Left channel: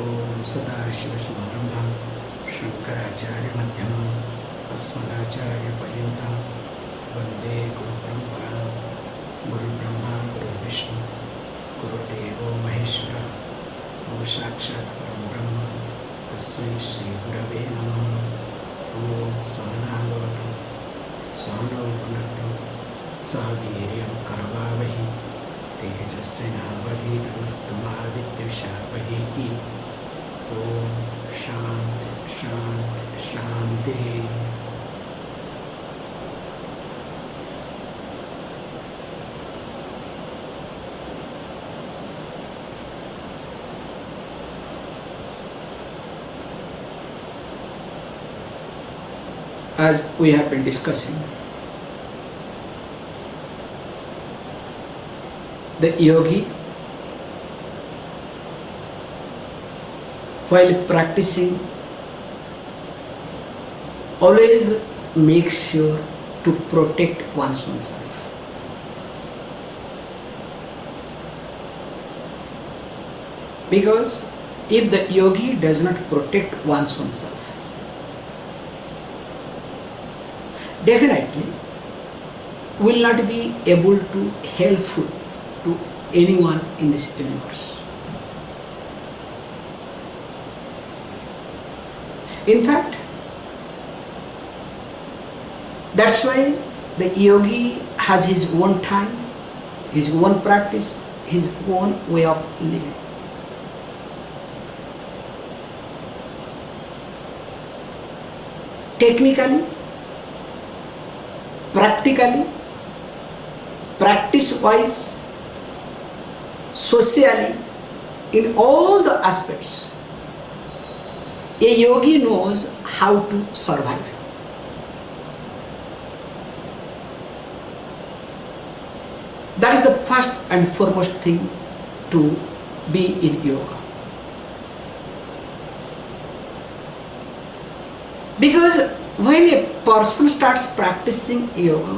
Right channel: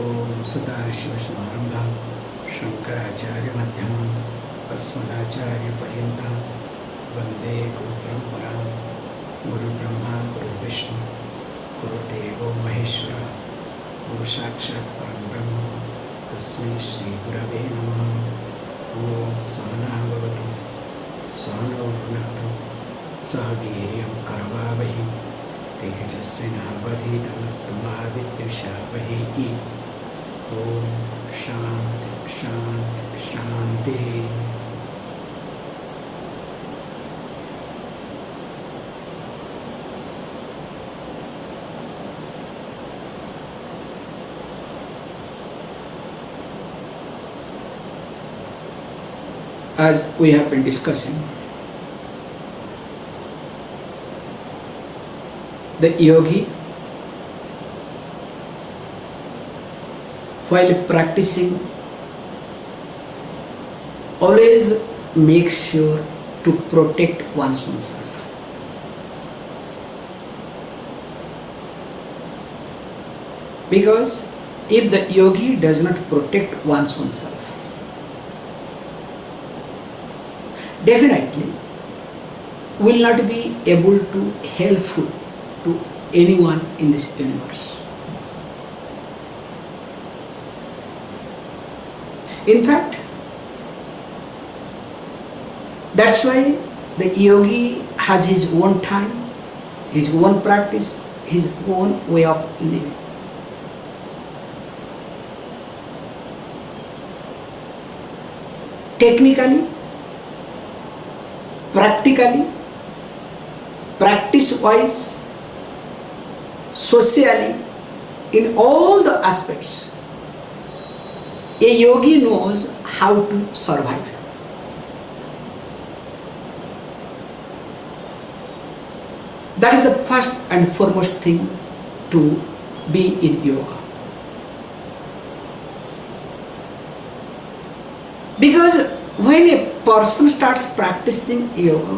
ओम सदाशिवसमारंभां शंकराचार्यमध्यमाम् अस्मदाचार्यपर्यन्तां वन्दे गुरुपरम्परां। गुरुब्रह्मा गुरुर्विष्णु गुरुर्देवो महेश्वरः गुरुसाक्षात् परं ब्रह्म तस्मै श्रीगुरवे नमः। ओम सहना भवतु सहनौ भुनक्तु सह वीर्यं करवावहै तेजस्विनावधीतमस्तु मा विद्विषावहै। ओम शांति शांति शांति। As we have been discussing, the yogi, while practicing, always makes sure to protect one's own self. Because if the yogi does not protect one's own self, definitely will not be able to helpful to anyone in this universe. In fact, that's why the yogi has his own time, his own practice, his own way of living. Technically, practically, practice-wise, socially, in all the aspects, a yogi knows how to survive. That is the first and foremost thing to be in yoga. Because when a person starts practicing yoga,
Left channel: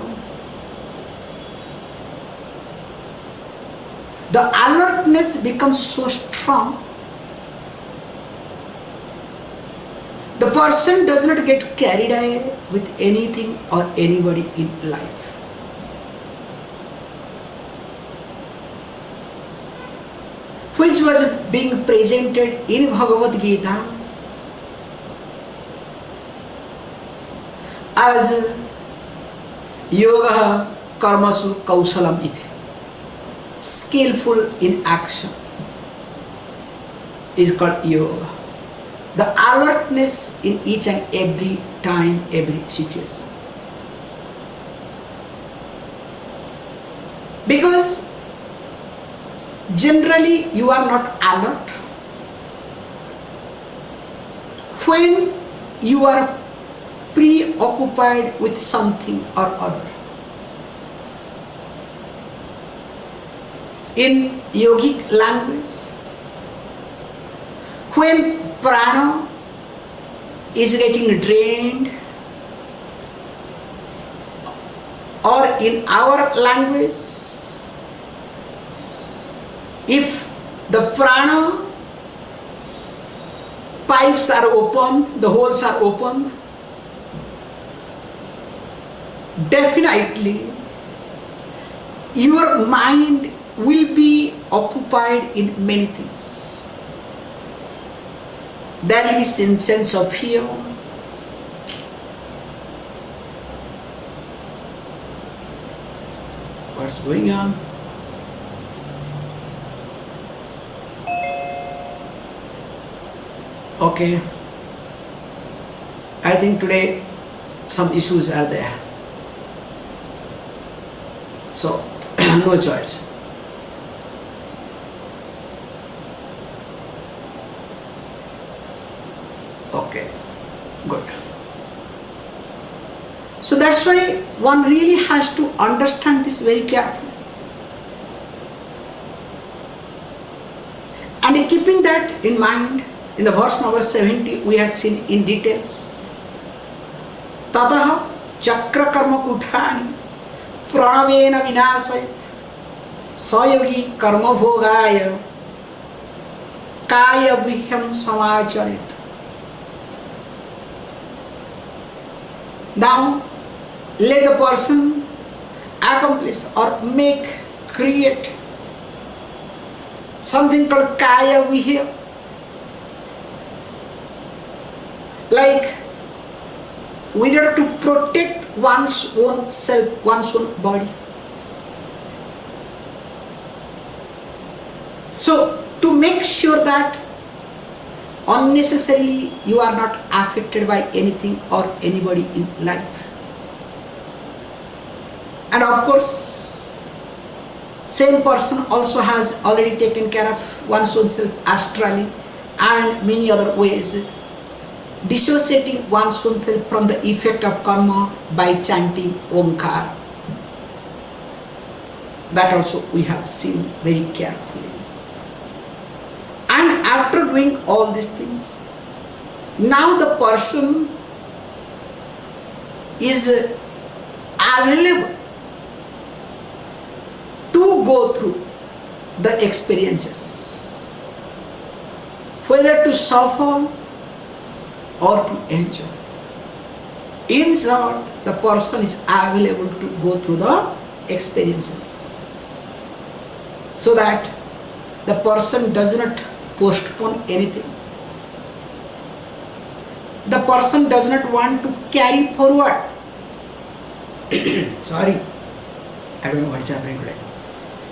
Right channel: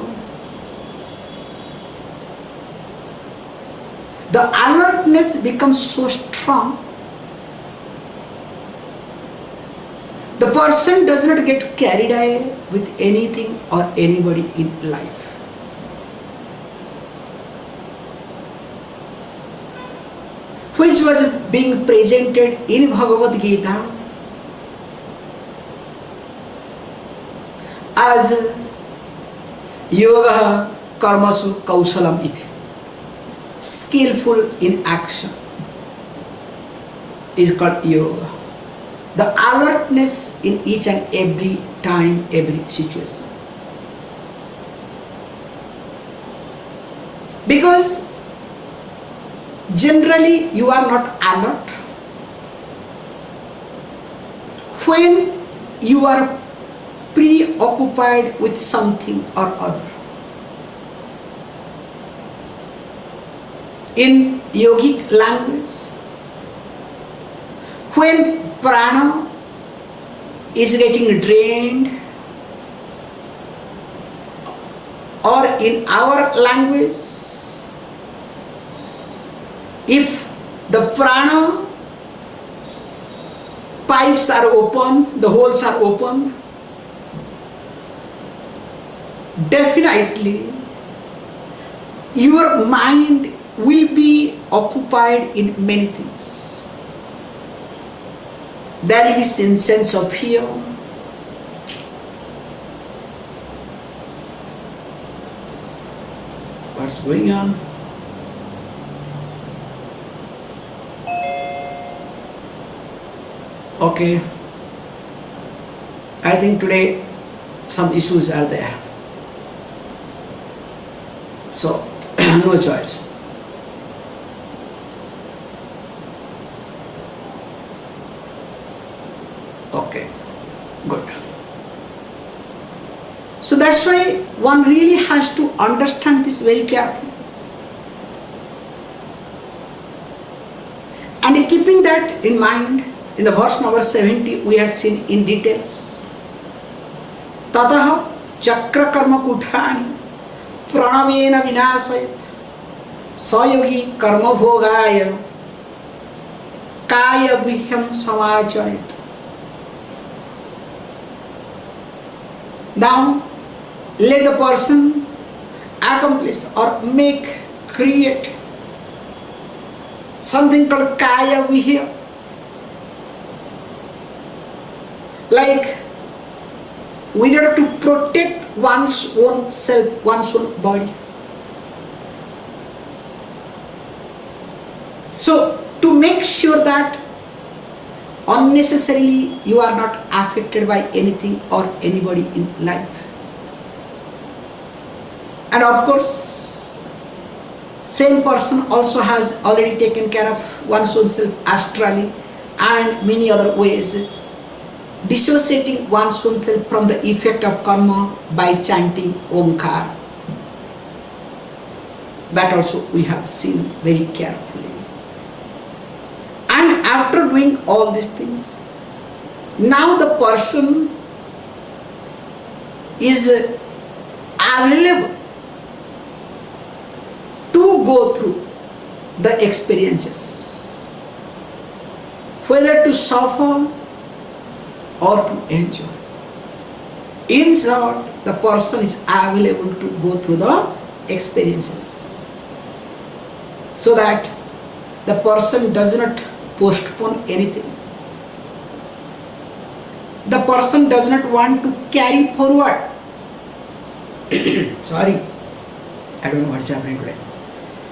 the alertness becomes so strong, the person does not get carried away with anything or anybody in life. Which was being presented in Bhagavad Gita as yoga karmasu kausalam iti. Skillful in action is called yoga. The alertness in each and every time, every situation. Because generally you are not alert when you are preoccupied with something or other. In yogic language, when prana is getting drained, or in our language, if the prana pipes are open, the holes are open, definitely your mind will be occupied in many things. There will be sense of fear, what's going on? Okay, I think today some issues are there, so no choice. Okay, good. So that's why one really has to understand this very carefully. And keeping that in mind, in the verse number 70, we had seen in details. Tataha chakra karma kuthani pranavena vinasayat sayogi karma bhogaya kaya vihyam samacharit. Now, let the person accomplish or create something called kaya vihya. Like, we have to protect one's own self, one's own body. So, to make sure that unnecessarily you are not affected by anything or anybody in life. And of course, same person also has already taken care of one's own self astrally and many other ways, dissociating one's own self from the effect of karma by chanting Omkar. That also we have seen very carefully. And after doing all these things, now the person is available to go through the experiences, whether to suffer or to enjoy. In short, the person is available to go through the experiences, so that the person does not postpone anything. The person does not want to carry forward. Sorry, I don't know what's happening today.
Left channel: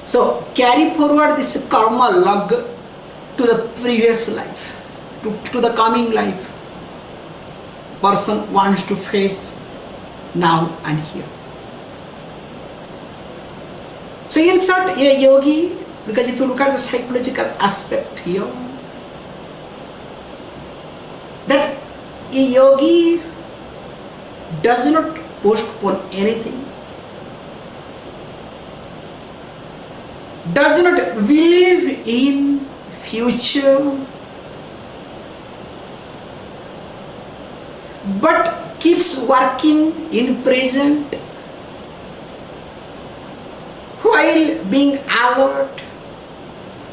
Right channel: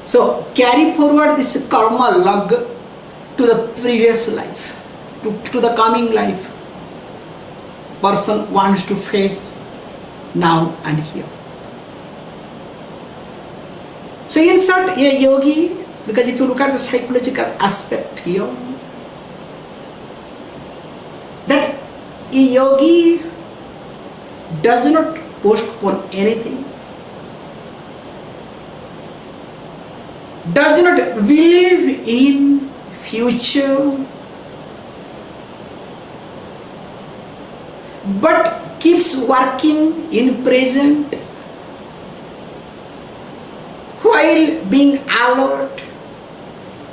So, carry forward this karma log to the previous life, to the coming life. Person wants to face now and here. So, in short, a yogi, because if you look at the psychological aspect here, that a yogi does not postpone anything, does not believe in future, but keeps working in present while being alert,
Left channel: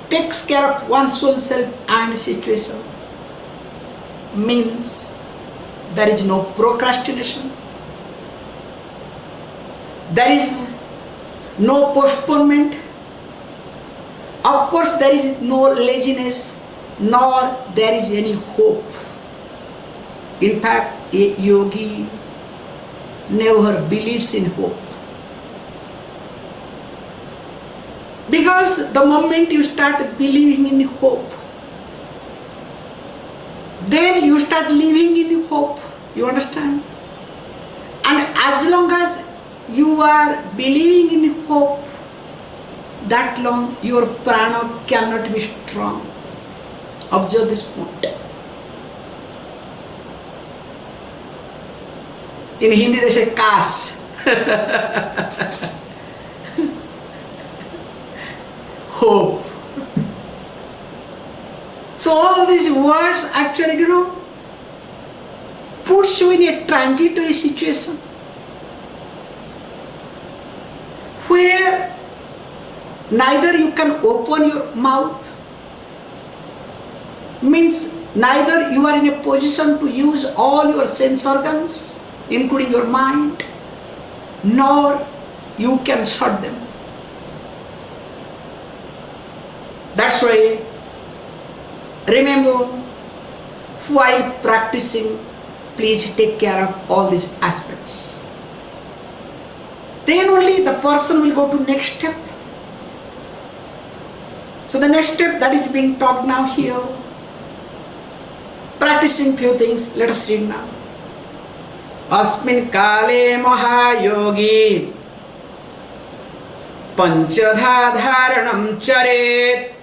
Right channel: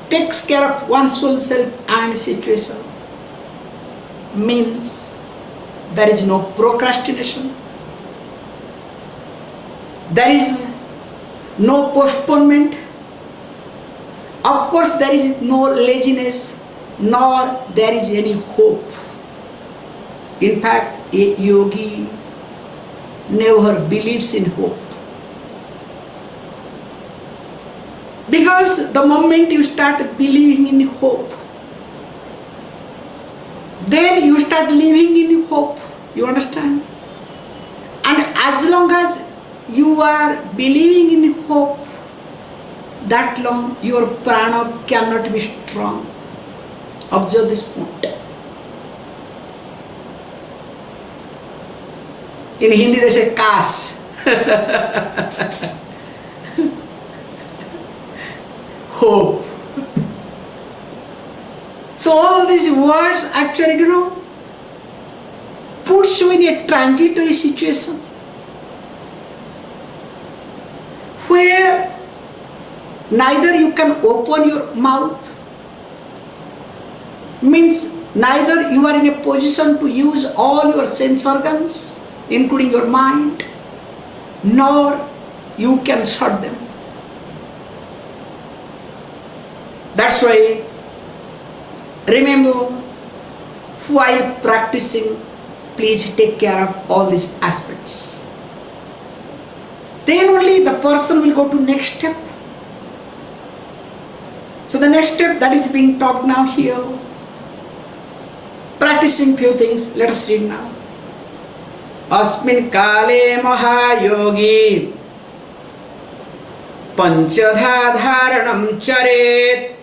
takes care of one's own self and situation. Means there is no procrastination, there is no postponement, of course there is no laziness, nor there is any hope. In fact, a yogi never believes in hope, because the moment you start believing in hope, then you start living in hope. You understand? And as long as you are believing in hope, that long your prana cannot be strong. Observe this point. In Hindi they say kash. Hope. So all these words actually, puts you in a transitory situation where neither you can open your mouth, means neither you are in a position to use all your sense organs, including your mind, nor you can shut them. That's why, remember, while practicing, please take care of all these aspects. Then only the person will go to next step. So the next step that is being taught now here, practicing few things. Let us read now. Asmin kale mahayogi panchadha dharanam charet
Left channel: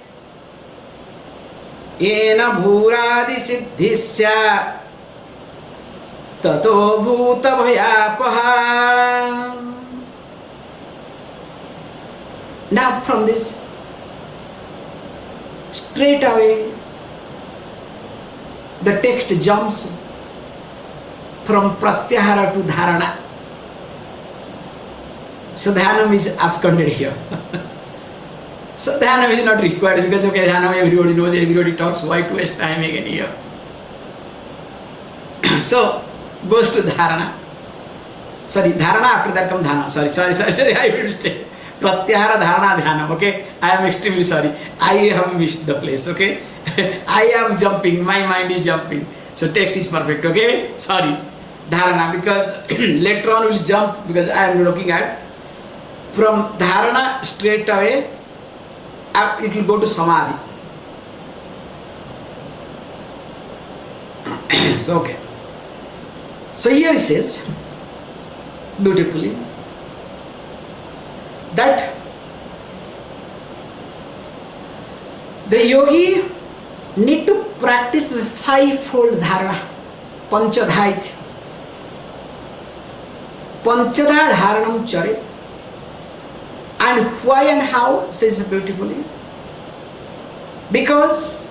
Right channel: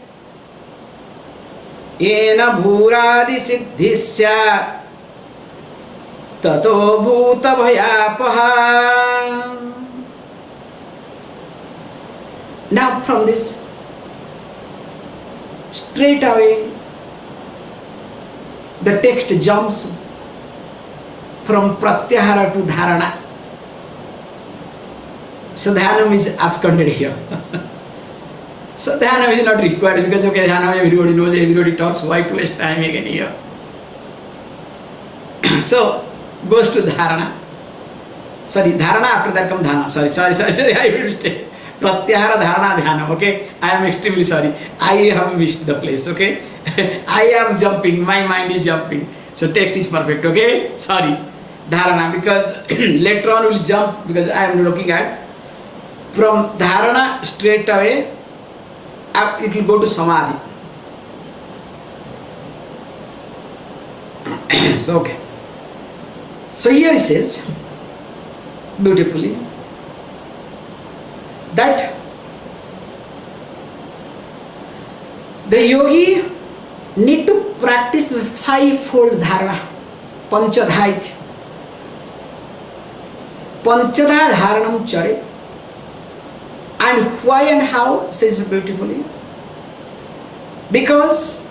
yena bhuradi siddhisya tato bhuta bhayapaha. Now from this, straight away the text jumps from pratyahara to dharana. So dhanam is absconded here. So dhyana is not required because okay, dhyana everybody knows, everybody talks, why to waste time again here? So goes to dharana. Sorry, dharana, after that comes dhana. Sorry, I will mistake. Pratyahara, dharana, dhyana. Okay, I am extremely sorry. I have missed the place. Okay, I am jumping. My mind is jumping. So text is perfect. Okay, sorry, dharana, because later on will jump because I am looking at from dharana straight away. It will go to samadhi. So okay. So here he says beautifully that the yogi need to practice the fivefold dharana, panchadha. Panchadha dharanam charit. And why and how, says beautifully, because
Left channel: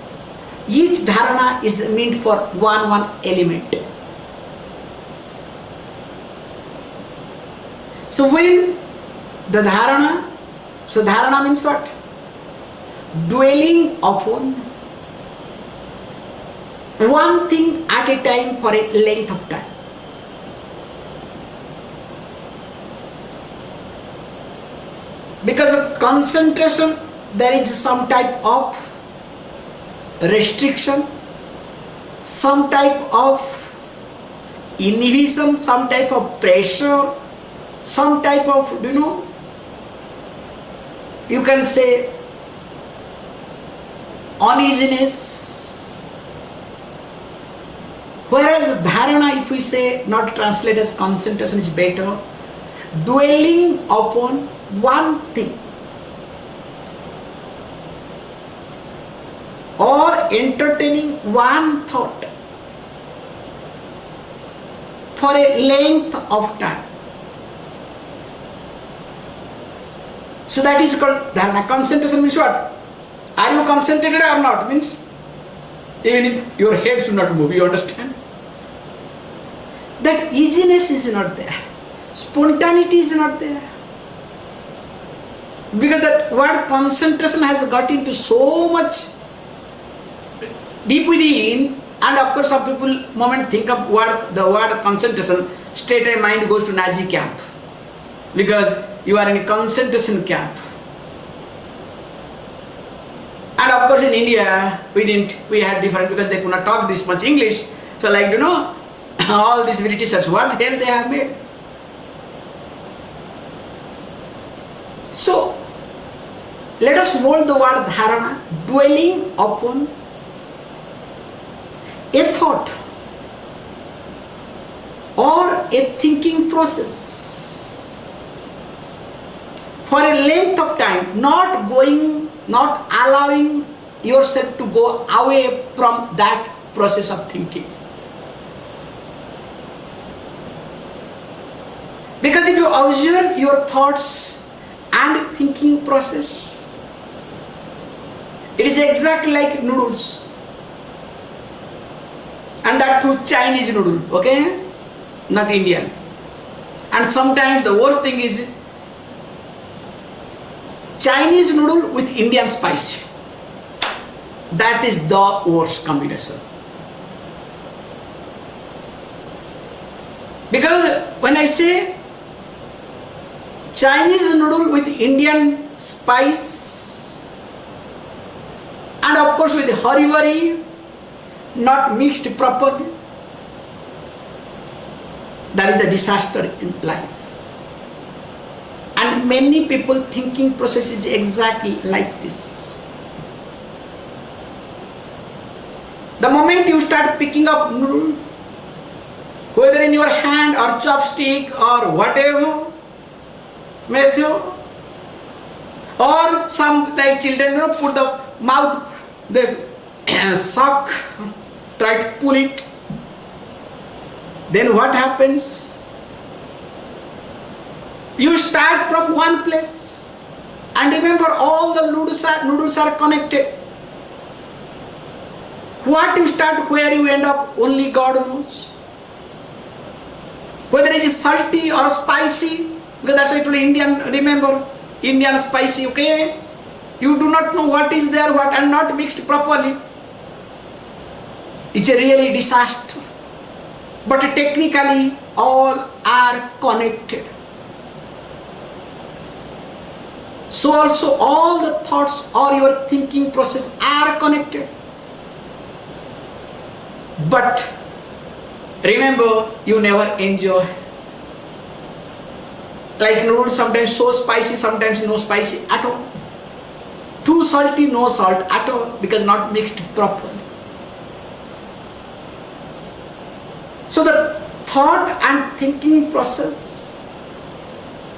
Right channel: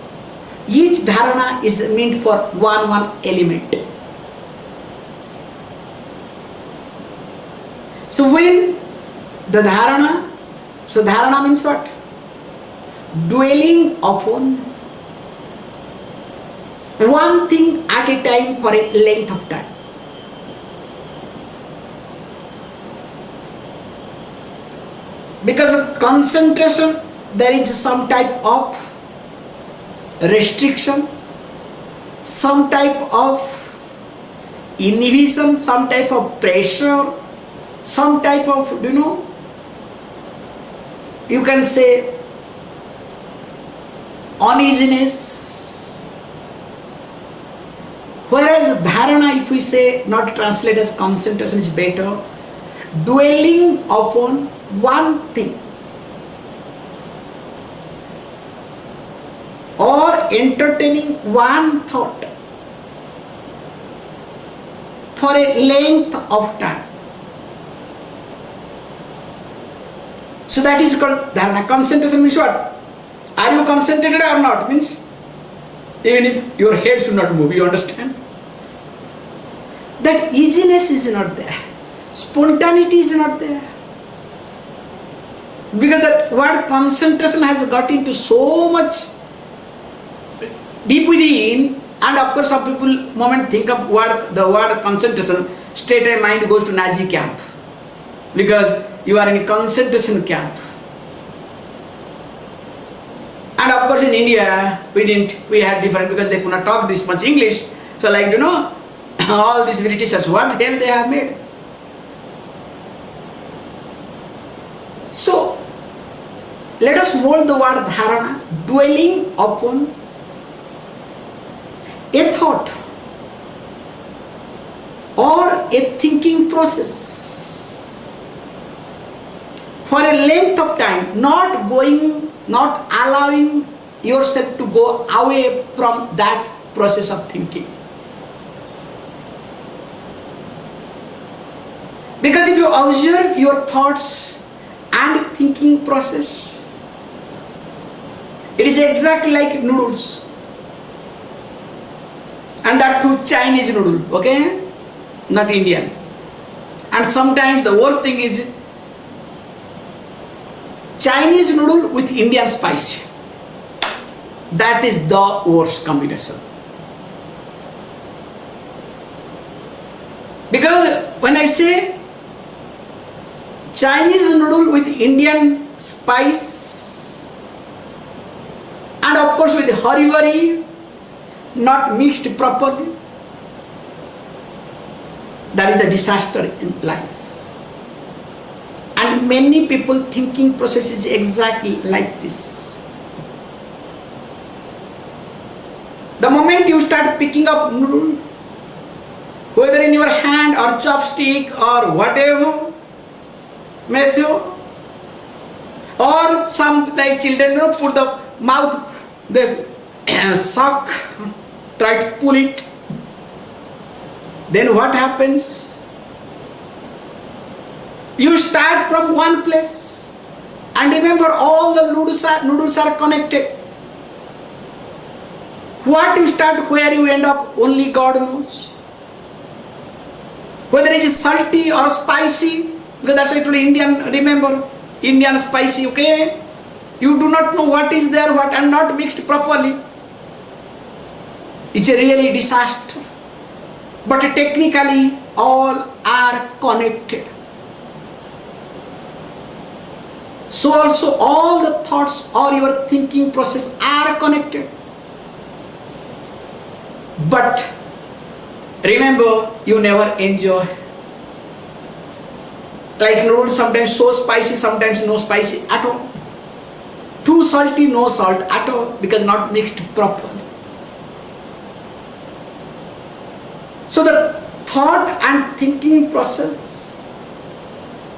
each dharana is meant for one element. So when the dharana, so dharana means what? Dwelling upon one thing at a time for a length of time. Because of concentration, there is some type of restriction, some type of inhibition, some type of pressure, some type of, you can say uneasiness. Whereas dharana, if we say, not translate as concentration, is better. Dwelling upon one thing or entertaining one thought for a length of time. So that is called dharana. Concentration means what? Are you concentrated or not? Means even if your head should not move, you understand? That easiness is not there. Spontaneity is not there. Because that word concentration has got into so much deep within, and of course some people moment think of the word concentration, straight away mind goes to Nazi camp. Because you are in a concentration camp. And of course in India, we had different, because they could not talk this much English. So like, all these Britishers, what hell they have made? So, let us hold the word dharana, dwelling upon a thought or a thinking process for a length of time, not allowing yourself to go away from that process of thinking. Because if you observe your thoughts and thinking process, it is exactly like noodles. And that too Chinese noodle, okay? Not Indian. And sometimes the worst thing is Chinese noodle with Indian spice. That is the worst combination. Because when I say Chinese noodle with Indian spice, and of course with hurry, not mixed properly, that is the disaster in life. And many people thinking process is exactly like this. The moment you start picking up noodle, whether in your hand or chopstick or whatever method, or some like children put the mouth, they suck, try to pull it, then what happens? You start from one place, and remember all the noodles are connected. What you start, where you end up, only God knows. Whether it is salty or spicy, because that's actually Indian, remember, Indian spicy, okay? You do not know what is there, what and not mixed properly. It's a really disaster. But technically all are connected. So also all the thoughts or your thinking process are connected. But remember, you never enjoy. Like noodles, sometimes so spicy, sometimes no spicy at all. Too salty, no salt at all, because not mixed properly. So the thought and thinking process,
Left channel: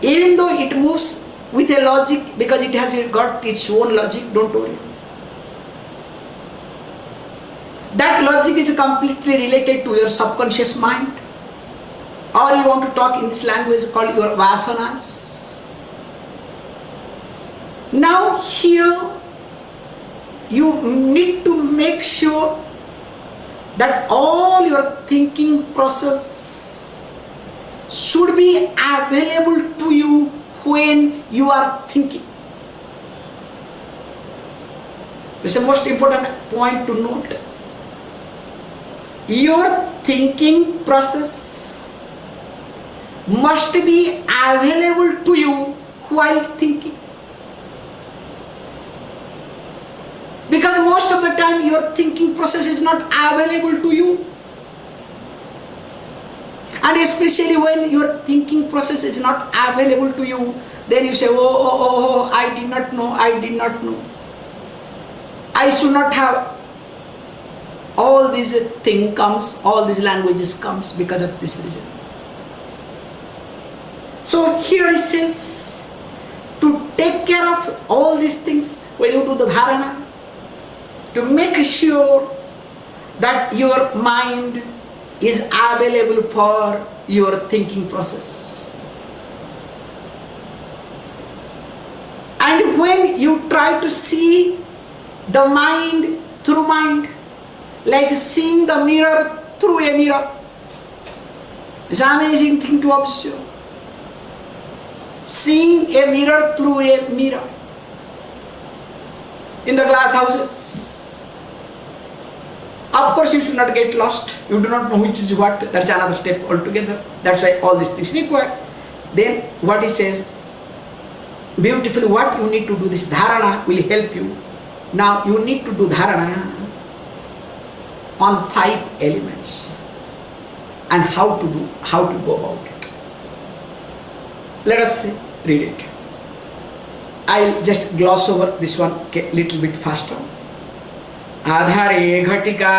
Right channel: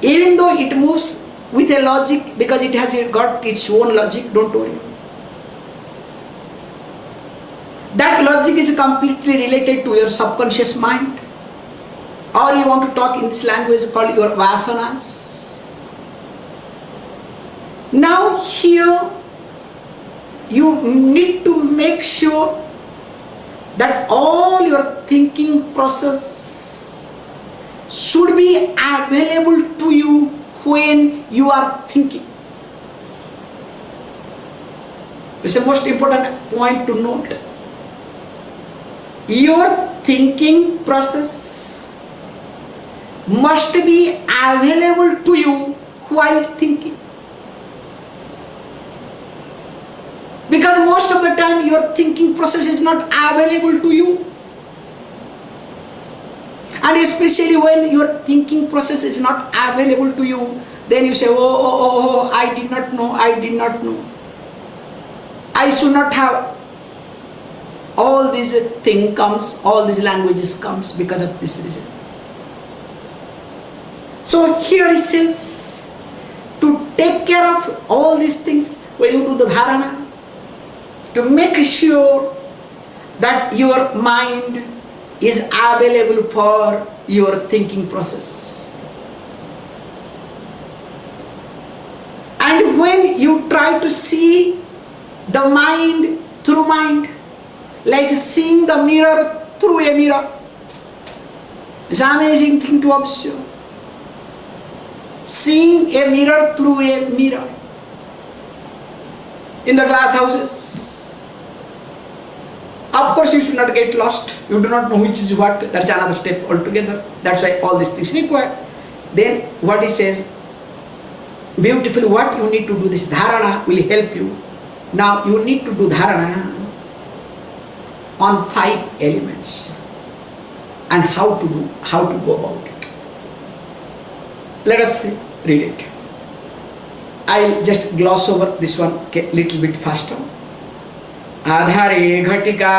even though it moves with a logic, because it has got its own logic, don't worry. That logic is completely related to your subconscious mind. Or you want to talk in this language called your vasanas. Now here, you need to make sure that all your thinking process should be available to you when you are thinking. This is the most important point to note. Your thinking process must be available to you while thinking. Because most of the time your thinking process is not available to you. And especially when your thinking process is not available to you, then you say, oh, I did not know. I should not have. All these thing comes, all these languages comes because of this reason. So here it says, to take care of all these things when you do the dharana, to make sure that your mind is available for your thinking process. And when you try to see the mind through mind, like seeing the mirror through a mirror, it's an amazing thing to observe. Seeing a mirror through a mirror in the glass houses. Of course, you should not get lost. You do not know which is what. That's another step altogether. That's why all these things required. Then what it says, beautifully, what you need to do, this dharana will help you. Now you need to do dharana on 5 elements and how to go about it. Let us see, read it. I'll just gloss over this one a little bit faster. आधारे घटिका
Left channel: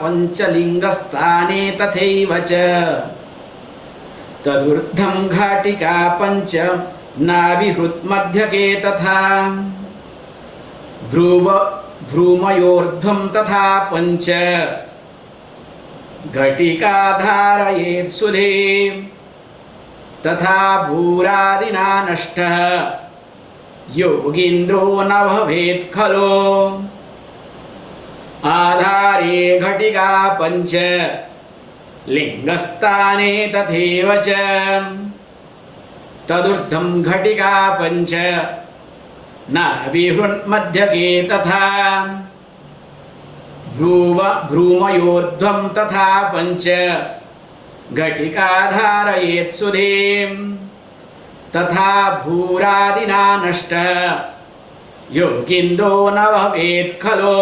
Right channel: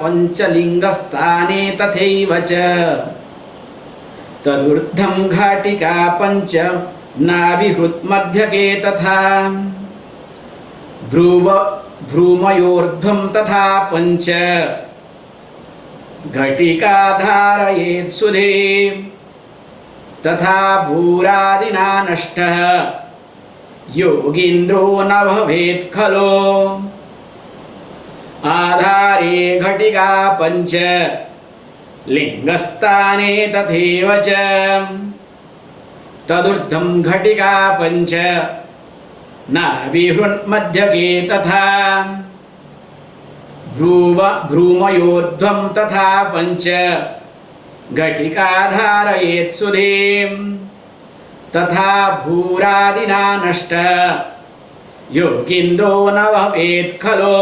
पंचलिंगस्थाने तथैव च तदूर्ध्वं घटिका पंच नाभिहृन्मध्यके तथा भ्रूमयोर्ध्वं तथा पंच घटिका धारयेत् सुधे तथा भूरादिना नष्टः योगीन्द्रो न भवेत् खलो आधारे घटिका पंच लिंगस्थाने तथैव च तदूर्ध्वं घटिका पंच नाभिहृन्मध्यके तथा भ्रूमयोर्ध्वं तथा पंच घटिका धारयेत् सुधीम् तथा भूरादिना नष्टः योगीन्द्रो न भवेत् खलो.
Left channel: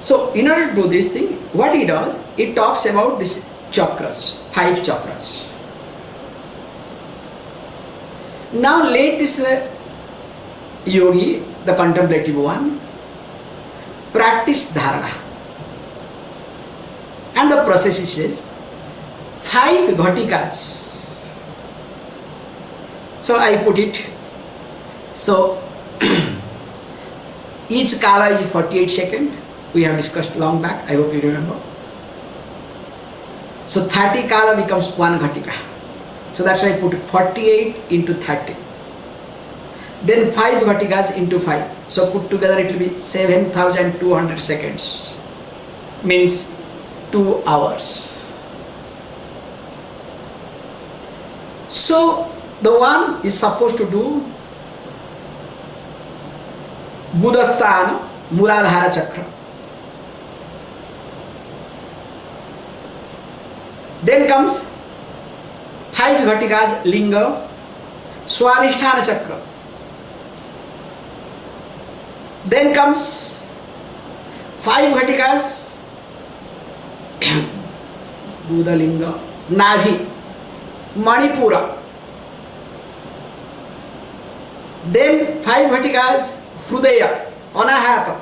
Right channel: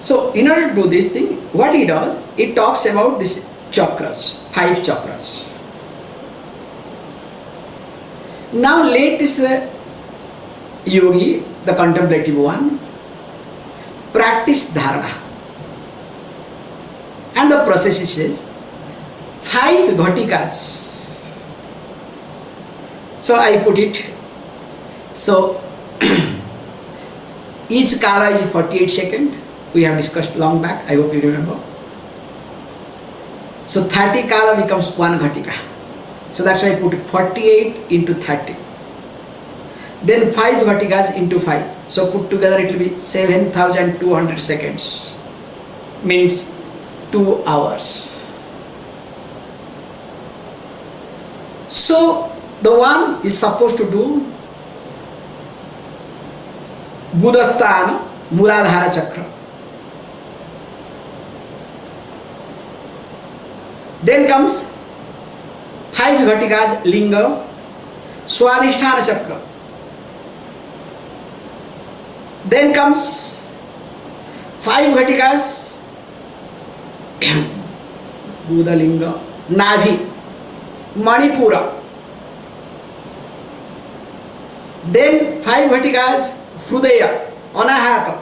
So in order to do this thing, what he does, it talks about this chakras, 5 chakras. Now let this yogi, the contemplative one, practice dharana. And the process, he says, 5 ghatikas. So I put it. So each kala is 48 seconds. We have discussed long back. I hope you remember. So 30 kala becomes 1 ghatika. So that's why I put 48 into 30. Then 5 ghatikas into 5. So put together it will be 7,200 seconds. Means 2 hours. So the one is supposed to do Gudasthana, Muladhara Chakra. Then comes 5 Ghatikas Linga, Swadhisthana Chakra. Then comes 5 Ghatikas Budalinga, Navi, Manipura. Then 5 Ghatikas Hrudaya, Anahata.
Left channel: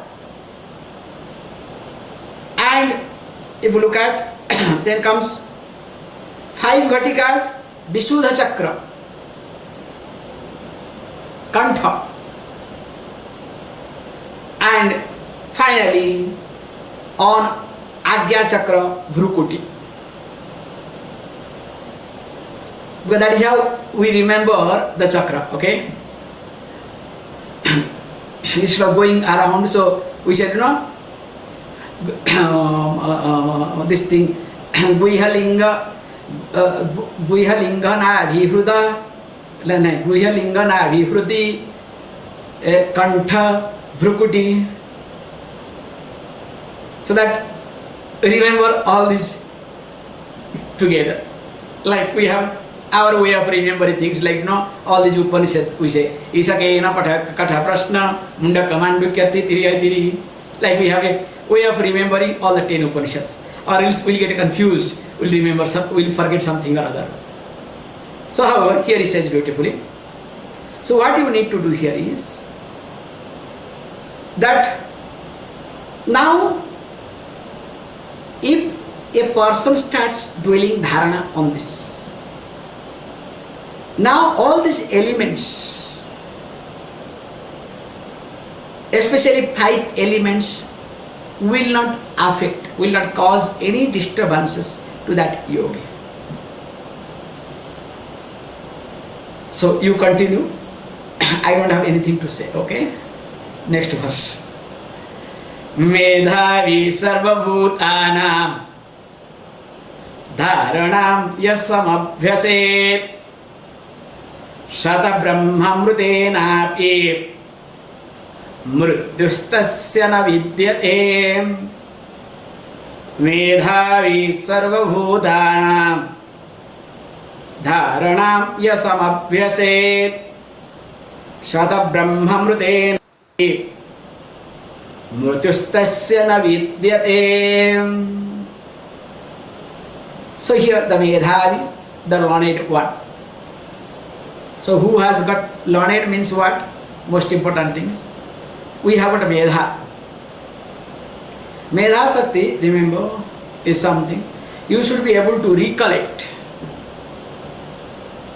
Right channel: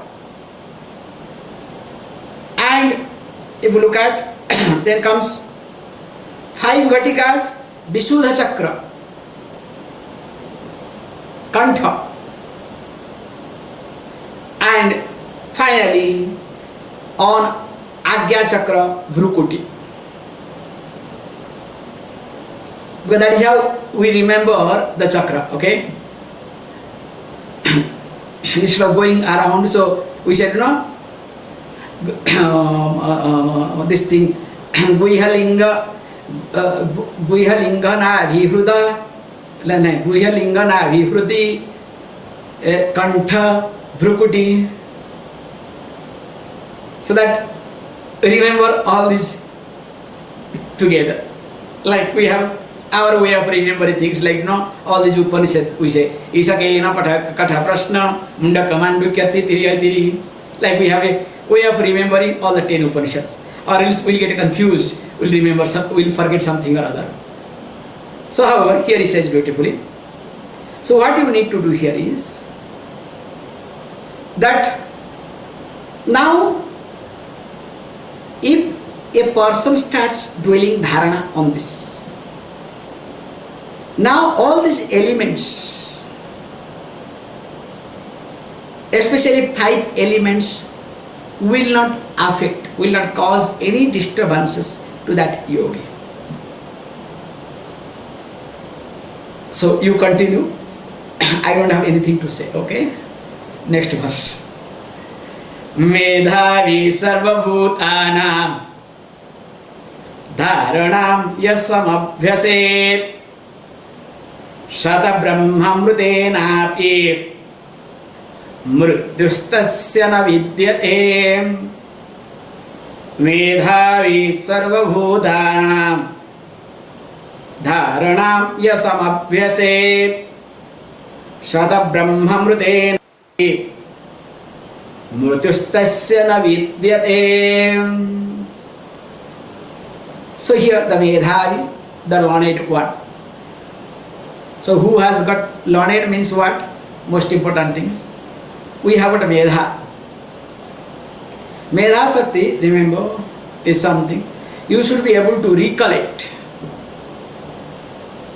And if you look at, then comes 5 Ghatikas Visuddha Chakra, Kantha. And finally on Agya Chakra, Vrukuti. Because that is how we remember the chakra, okay? Instead of going around, so we said, this thing, Guihalinga na Vihruda, Guihalinga na Vihruti, Kantha, Vrukuti. So that remember all this together. Like we have our way of remembering things, like all these Upanishads we say Isakena Katha Prashna Mundaka Mandukyati Tiri. Like we have a way of remembering all the 10 Upanishads, or else we'll get confused, we'll forget something or other. So however, here he says beautifully. So what you need to do here is that now if a person starts dwelling dharana on this, now all these elements, especially 5 elements, will not affect, will not cause any disturbances to that yogi. So you continue. I don't have anything to say, okay? Next verse. Medhavi sarvabhutanam dharanam yasamabhyaset Shata brahmamrutenapi mrutyustasya na vidyate Medhavi sarvabhutanam dharanam yasamabhyaset Shata brahmamrutenapi mrutyustasya na vidyate. So here the Medhavi, the learned one. So who has got learned means what? Most important things. We have got Medha. Medha Sakti, remember, is something you should be able to recollect.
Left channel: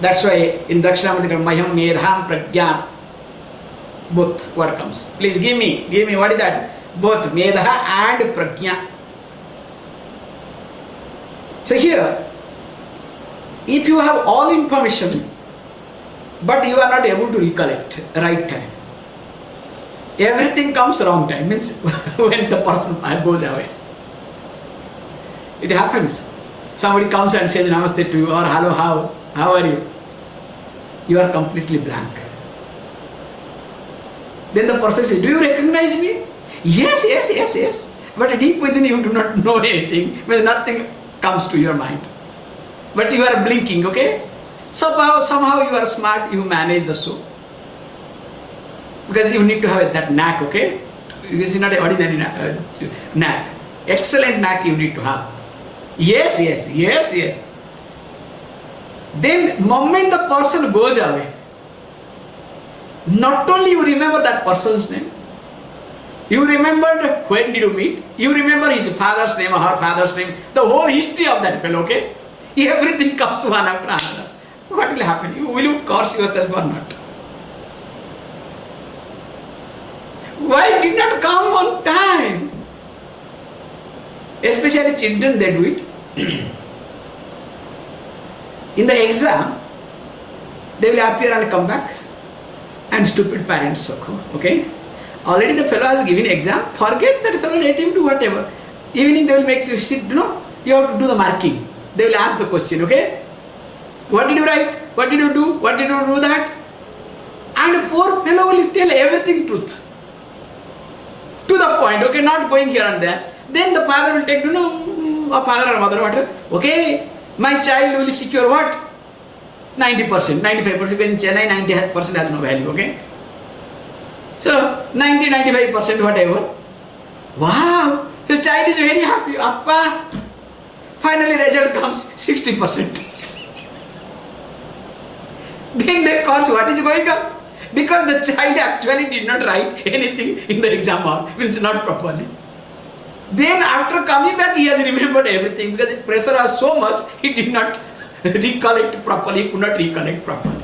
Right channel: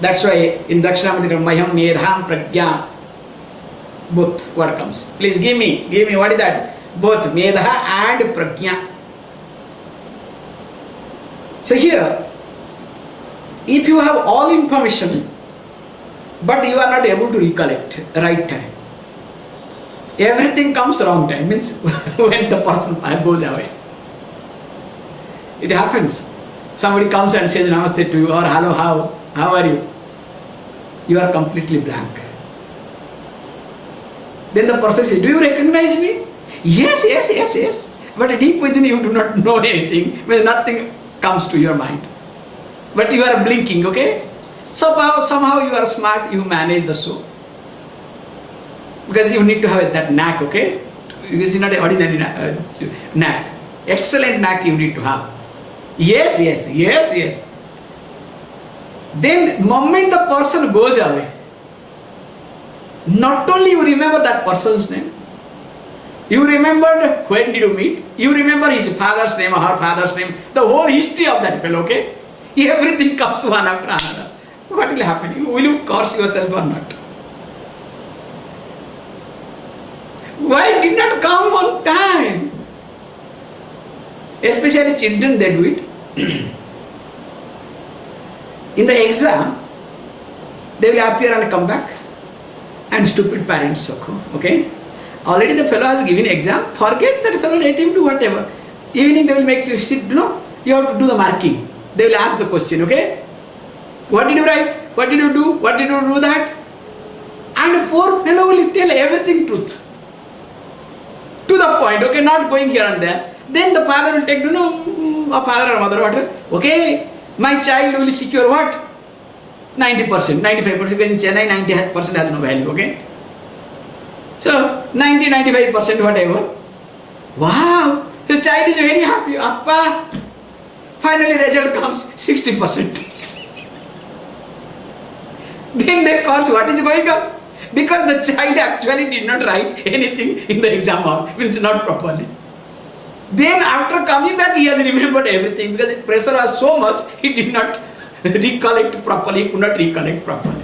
That's why in Dakshinamurti Mayam Medham Pragyam, both what comes. Please give me, what is that? Both Medha and Prajna. So here, if you have all information, but you are not able to recollect right time, everything comes wrong time, means when the person goes away. It happens. Somebody comes and says namaste to you, or hello, how are you? You are completely blank. Then the person says, do you recognize me? Yes. But deep within you do not know anything, when nothing comes to your mind. But you are blinking, okay? Somehow you are smart, you manage the show. Because you need to have that knack, okay? This is not an ordinary knack. Excellent knack you need to have. Yes. Then moment the person goes away, not only you remember that person's name, you remembered when did you meet, you remember his father's name or her father's name, the whole history of that fellow, okay? Everything comes one after another. What will happen? Will you curse yourself or not? Why did not come on time? Especially children, they do it. In the exam, they will appear and come back, and stupid parents, okay? Already the fellow has given exam, forget that fellow, let him do whatever. Evening they will make you sit, you have to do the marking. They will ask the question, okay? What did you write? What did you do? What did you do that? And poor fellow will tell everything truth. To the point, okay, not going here and there. Then the father will take, a father or mother, whatever. Okay, my child will secure what? 90%, 95%. In Chennai, 90% has no value, okay? So, 95%, whatever. Wow, the child is very happy. Appa, finally result comes 60%. Then they cause what is going on? Because the child actually did not write anything in the exam hall, means not properly. Then after coming back, he has remembered everything because the pressure was so much, he did not recollect properly, he could not recollect properly.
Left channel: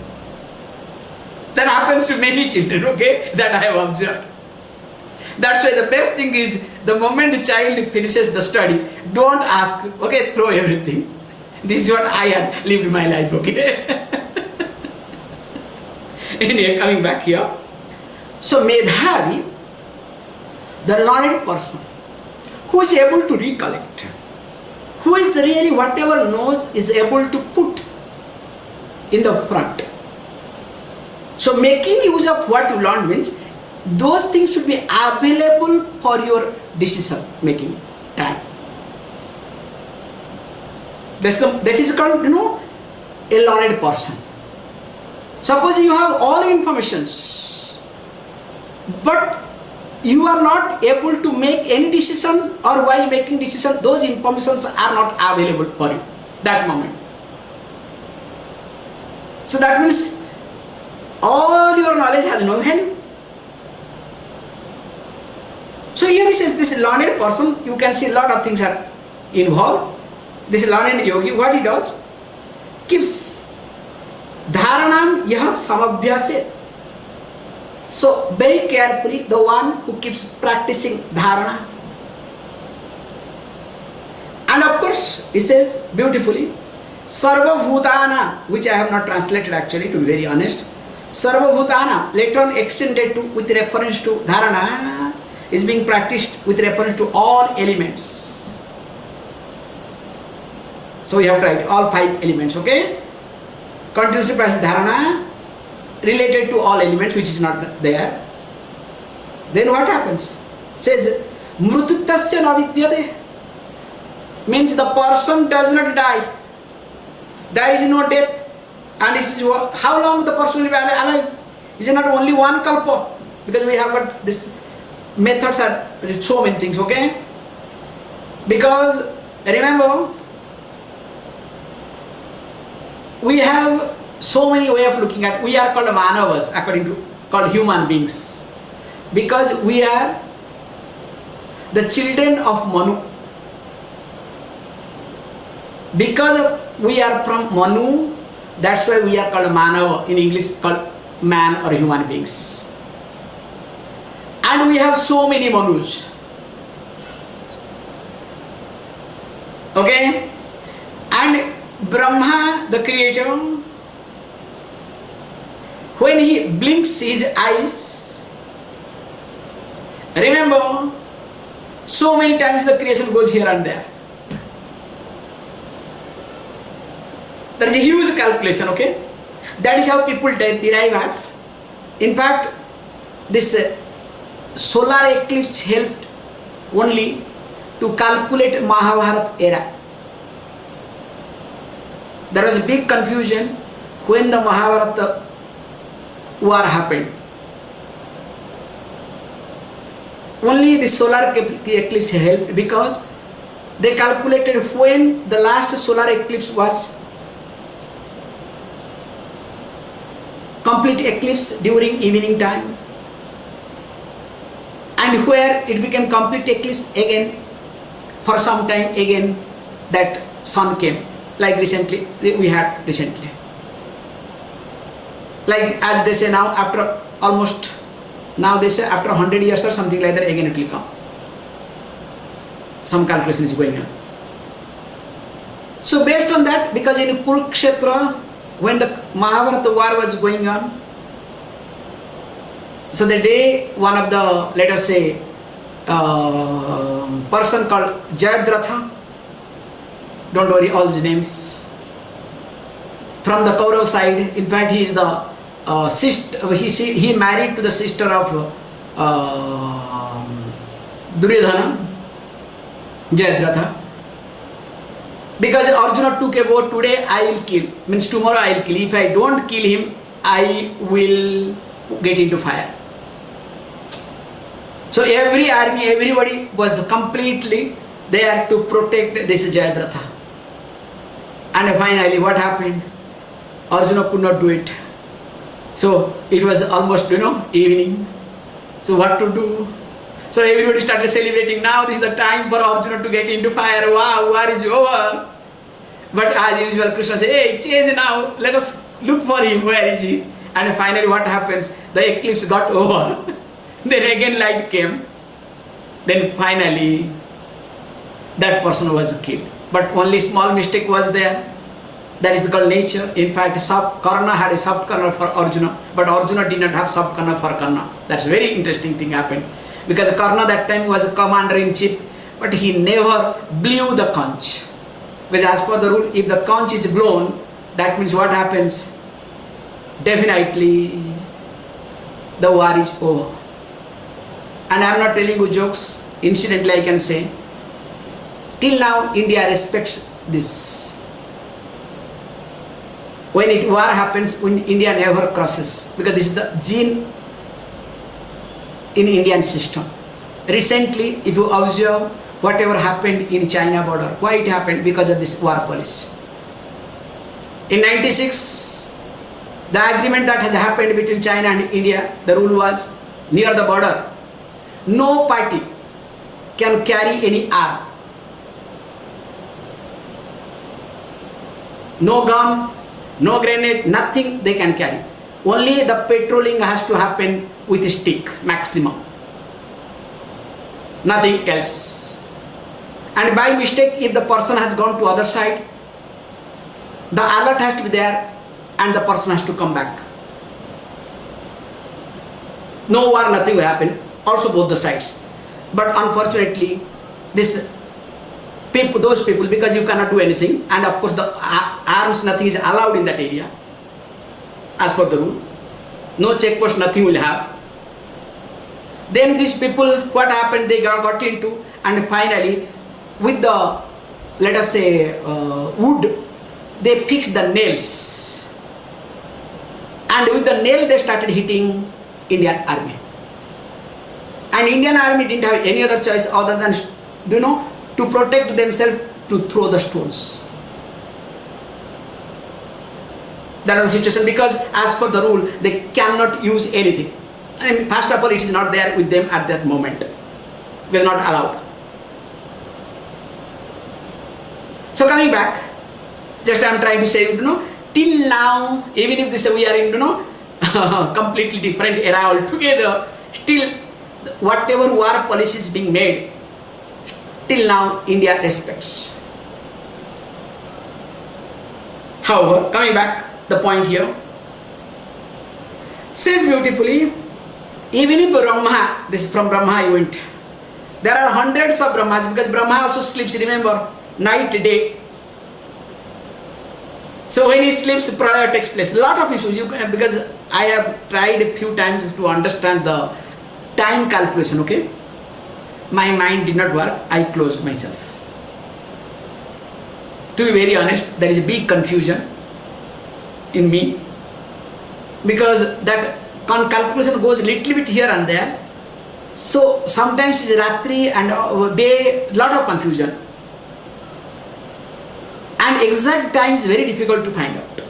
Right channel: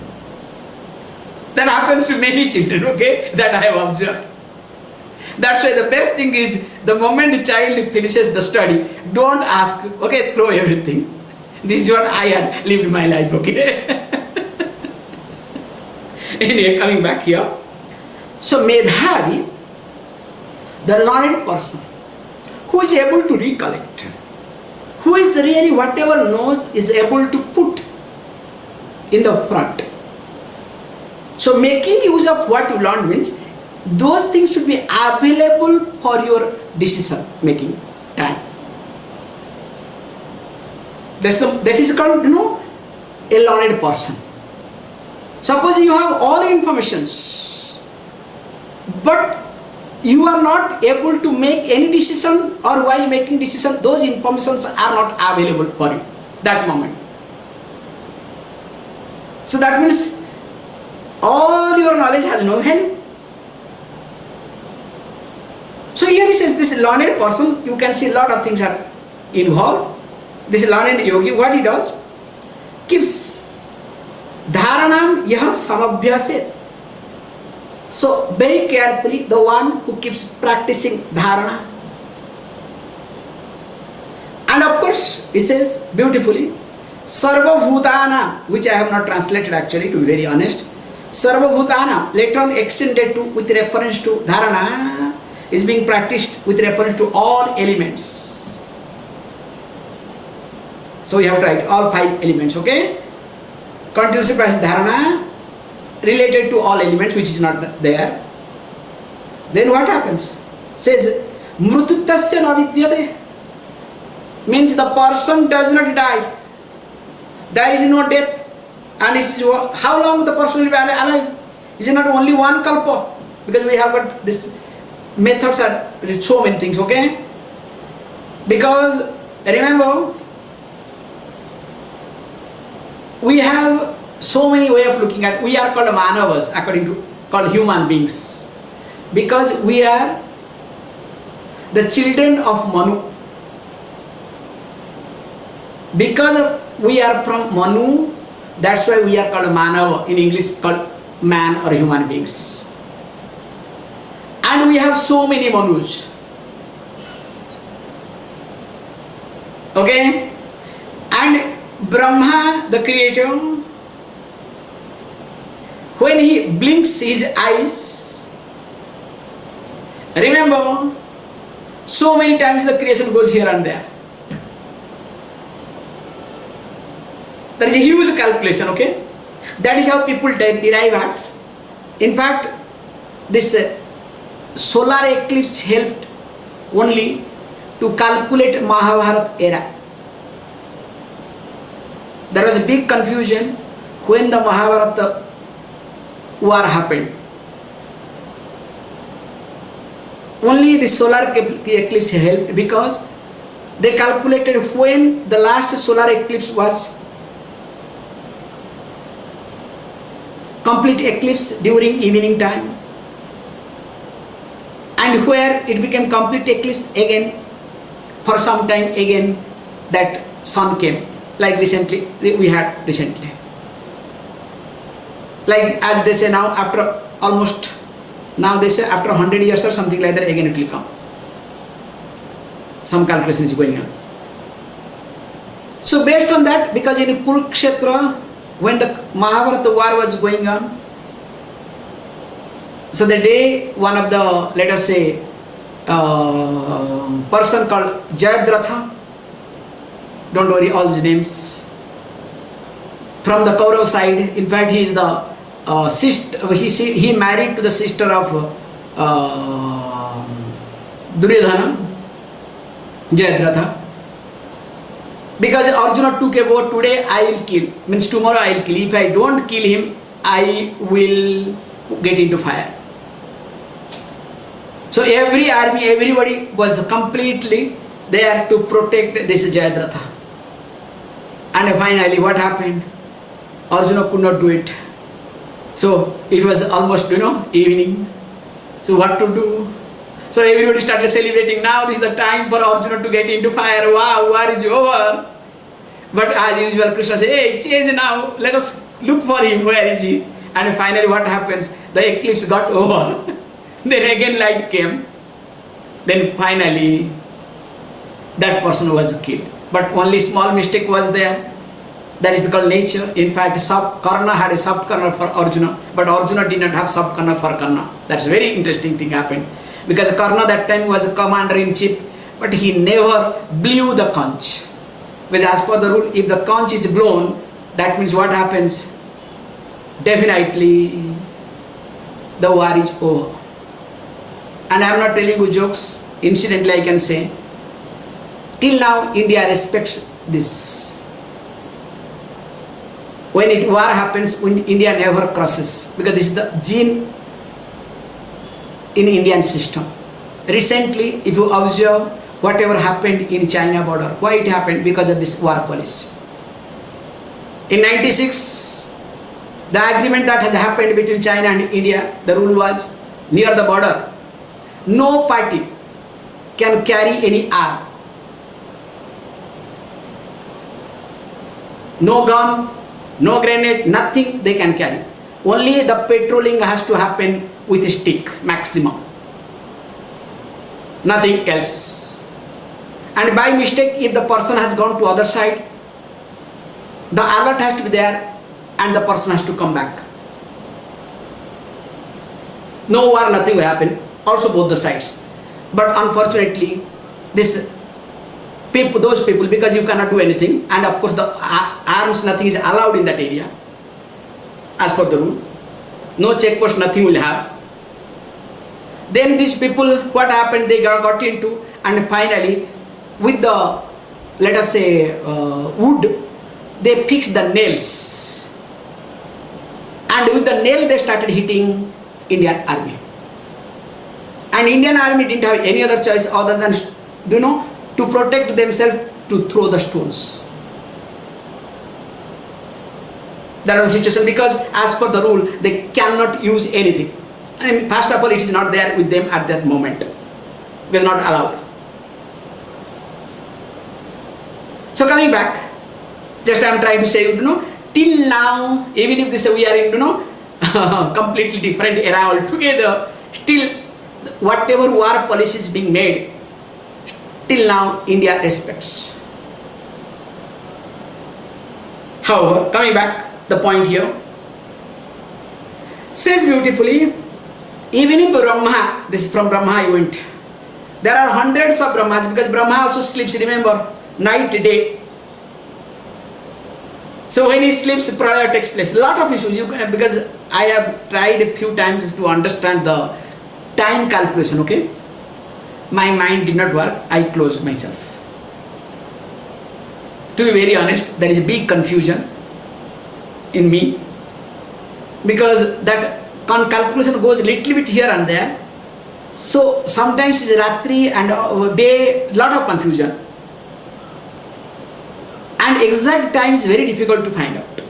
That happens to many children, okay, that I have observed. That's why the best thing is, the moment the child finishes the study, don't ask, okay, throw everything. This is what I had lived my life, okay. Anyway, coming back here. So Medhavi, the learned person, who is able to recollect, who is really whatever knows is able to put in the front. So making use of what you learned means, those things should be available for your decision making time. That is called, a learned person. Suppose you have all informations, but you are not able to make any decision, or while making decision, those informations are not available for you that moment. So that means all your knowledge has no value. So here he says, this learned person, you can see a lot of things are involved. This learned yogi, what he does, keeps dharanam yah samabhyaset. So very carefully, the one who keeps practicing dharana. And of course, he says beautifully, sarva bhutana, which I have not translated actually, to be very honest. Sarva bhutana, later on extended to, with reference to dharana, is being practiced with reference to all elements. So you have to write all 5 elements, okay? Continuously practice dharana related to all elements which is not there. Then what happens? Says mrututasya navidyate, means the person does not die. There is no death. And it is how long the person will be alive? Is it not only one kalpa? Because we have got this methods are so many things, okay? Because remember, we have so many ways of looking at. We are called manavas, called human beings, because we are the children of Manu. Because we are from Manu, that's why we are called manava. In English, called man or human beings. And we have so many Manus. Okay? And Brahma, the creator, when he blinks his eyes, remember, so many times the creation goes here and there. There is a huge calculation, okay? That is how people derive at. In fact, this solar eclipse helped only to calculate Mahabharata era. There was a big confusion when the Mahabharata war happened. Only the solar eclipse helped, because they calculated when the last solar eclipse was complete eclipse during evening time, and where it became complete eclipse again for some time again that sun came, like recently we had recently, like as they say now, after almost, now they say after 100 years or something like that again it will come. Some calculation is going on. So based on that, because in Kurukshetra, when the Mahabharata war was going on, so the day one of the, let us say, person called Jayadratha, don't worry all the names, from the Kaurav side. In fact, he is the sister. He married to the sister of Duryodhana, Jayadratha. Because Arjuna took a vow, today I will kill, means tomorrow I will kill. If I don't kill him, I will get into fire. So every army, everybody was completely there to protect this Jayadratha. And finally what happened? Arjuna could not do it. So it was almost, evening. So what to do? So everybody started celebrating. Now this is the time for Arjuna to get into fire. Wow, war is over. But as usual, Krishna says, hey, change now. Let us look for him. Where is he? And finally what happens? The eclipse got over. Then again light came. Then finally that person was killed. But only small mistake was there. That is called nature. In fact, Karna had a soft corner for Arjuna, but Arjuna did not have soft corner for Karna. That's a very interesting thing happened. Because Karna that time was a commander-in-chief, but he never blew the conch. Because as per the rule, if the conch is blown, that means what happens? Definitely the war is over. And I am not telling you jokes. Incidentally, I can say, till now India respects this. When war happens, India never crosses, because this is the gene in Indian system. Recently, if you observe whatever happened in China border, why it happened? Because of this war policy. In 96, the agreement that has happened between China and India, the rule was, near the border, no party can carry any arm. No gun, no grenade, nothing they can carry. Only the patrolling has to happen with a stick, maximum. Nothing else. And by mistake, if the person has gone to other side, the alert has to be there and the person has to come back. No war, nothing will happen. Also both the sides. But unfortunately, those people, because you cannot do anything, and of course the arms, nothing is allowed in that area as per the rule. No checkpost, nothing will have. Then these people, what happened? They got into, and finally with the, let us say, wood, they fixed the nails, and with the nail they started hitting Indian army. And Indian army didn't have any other choice other than, to protect themselves, to throw the stones. That was the situation, because as per the rule, they cannot use anything. And first of all, it is not there with them at that moment. It was not allowed. So coming back, just I am trying to say, till now, even if we are in, completely different era altogether, still whatever war policy is being made, till now India respects. However, coming back, the point here says beautifully, even if Brahma, this is from Brahma I went, there are hundreds of Brahmas, because Brahma also sleeps, remember, night, day. So when he sleeps, prayer takes place. A lot of issues, because I have tried a few times to understand the time calculation, okay? My mind did not work, I closed myself. To be very honest, there is a big confusion in me, because that calculation goes a little bit here and there. So sometimes it's Ratri and day, lot of confusion. And exact time is very difficult to find out.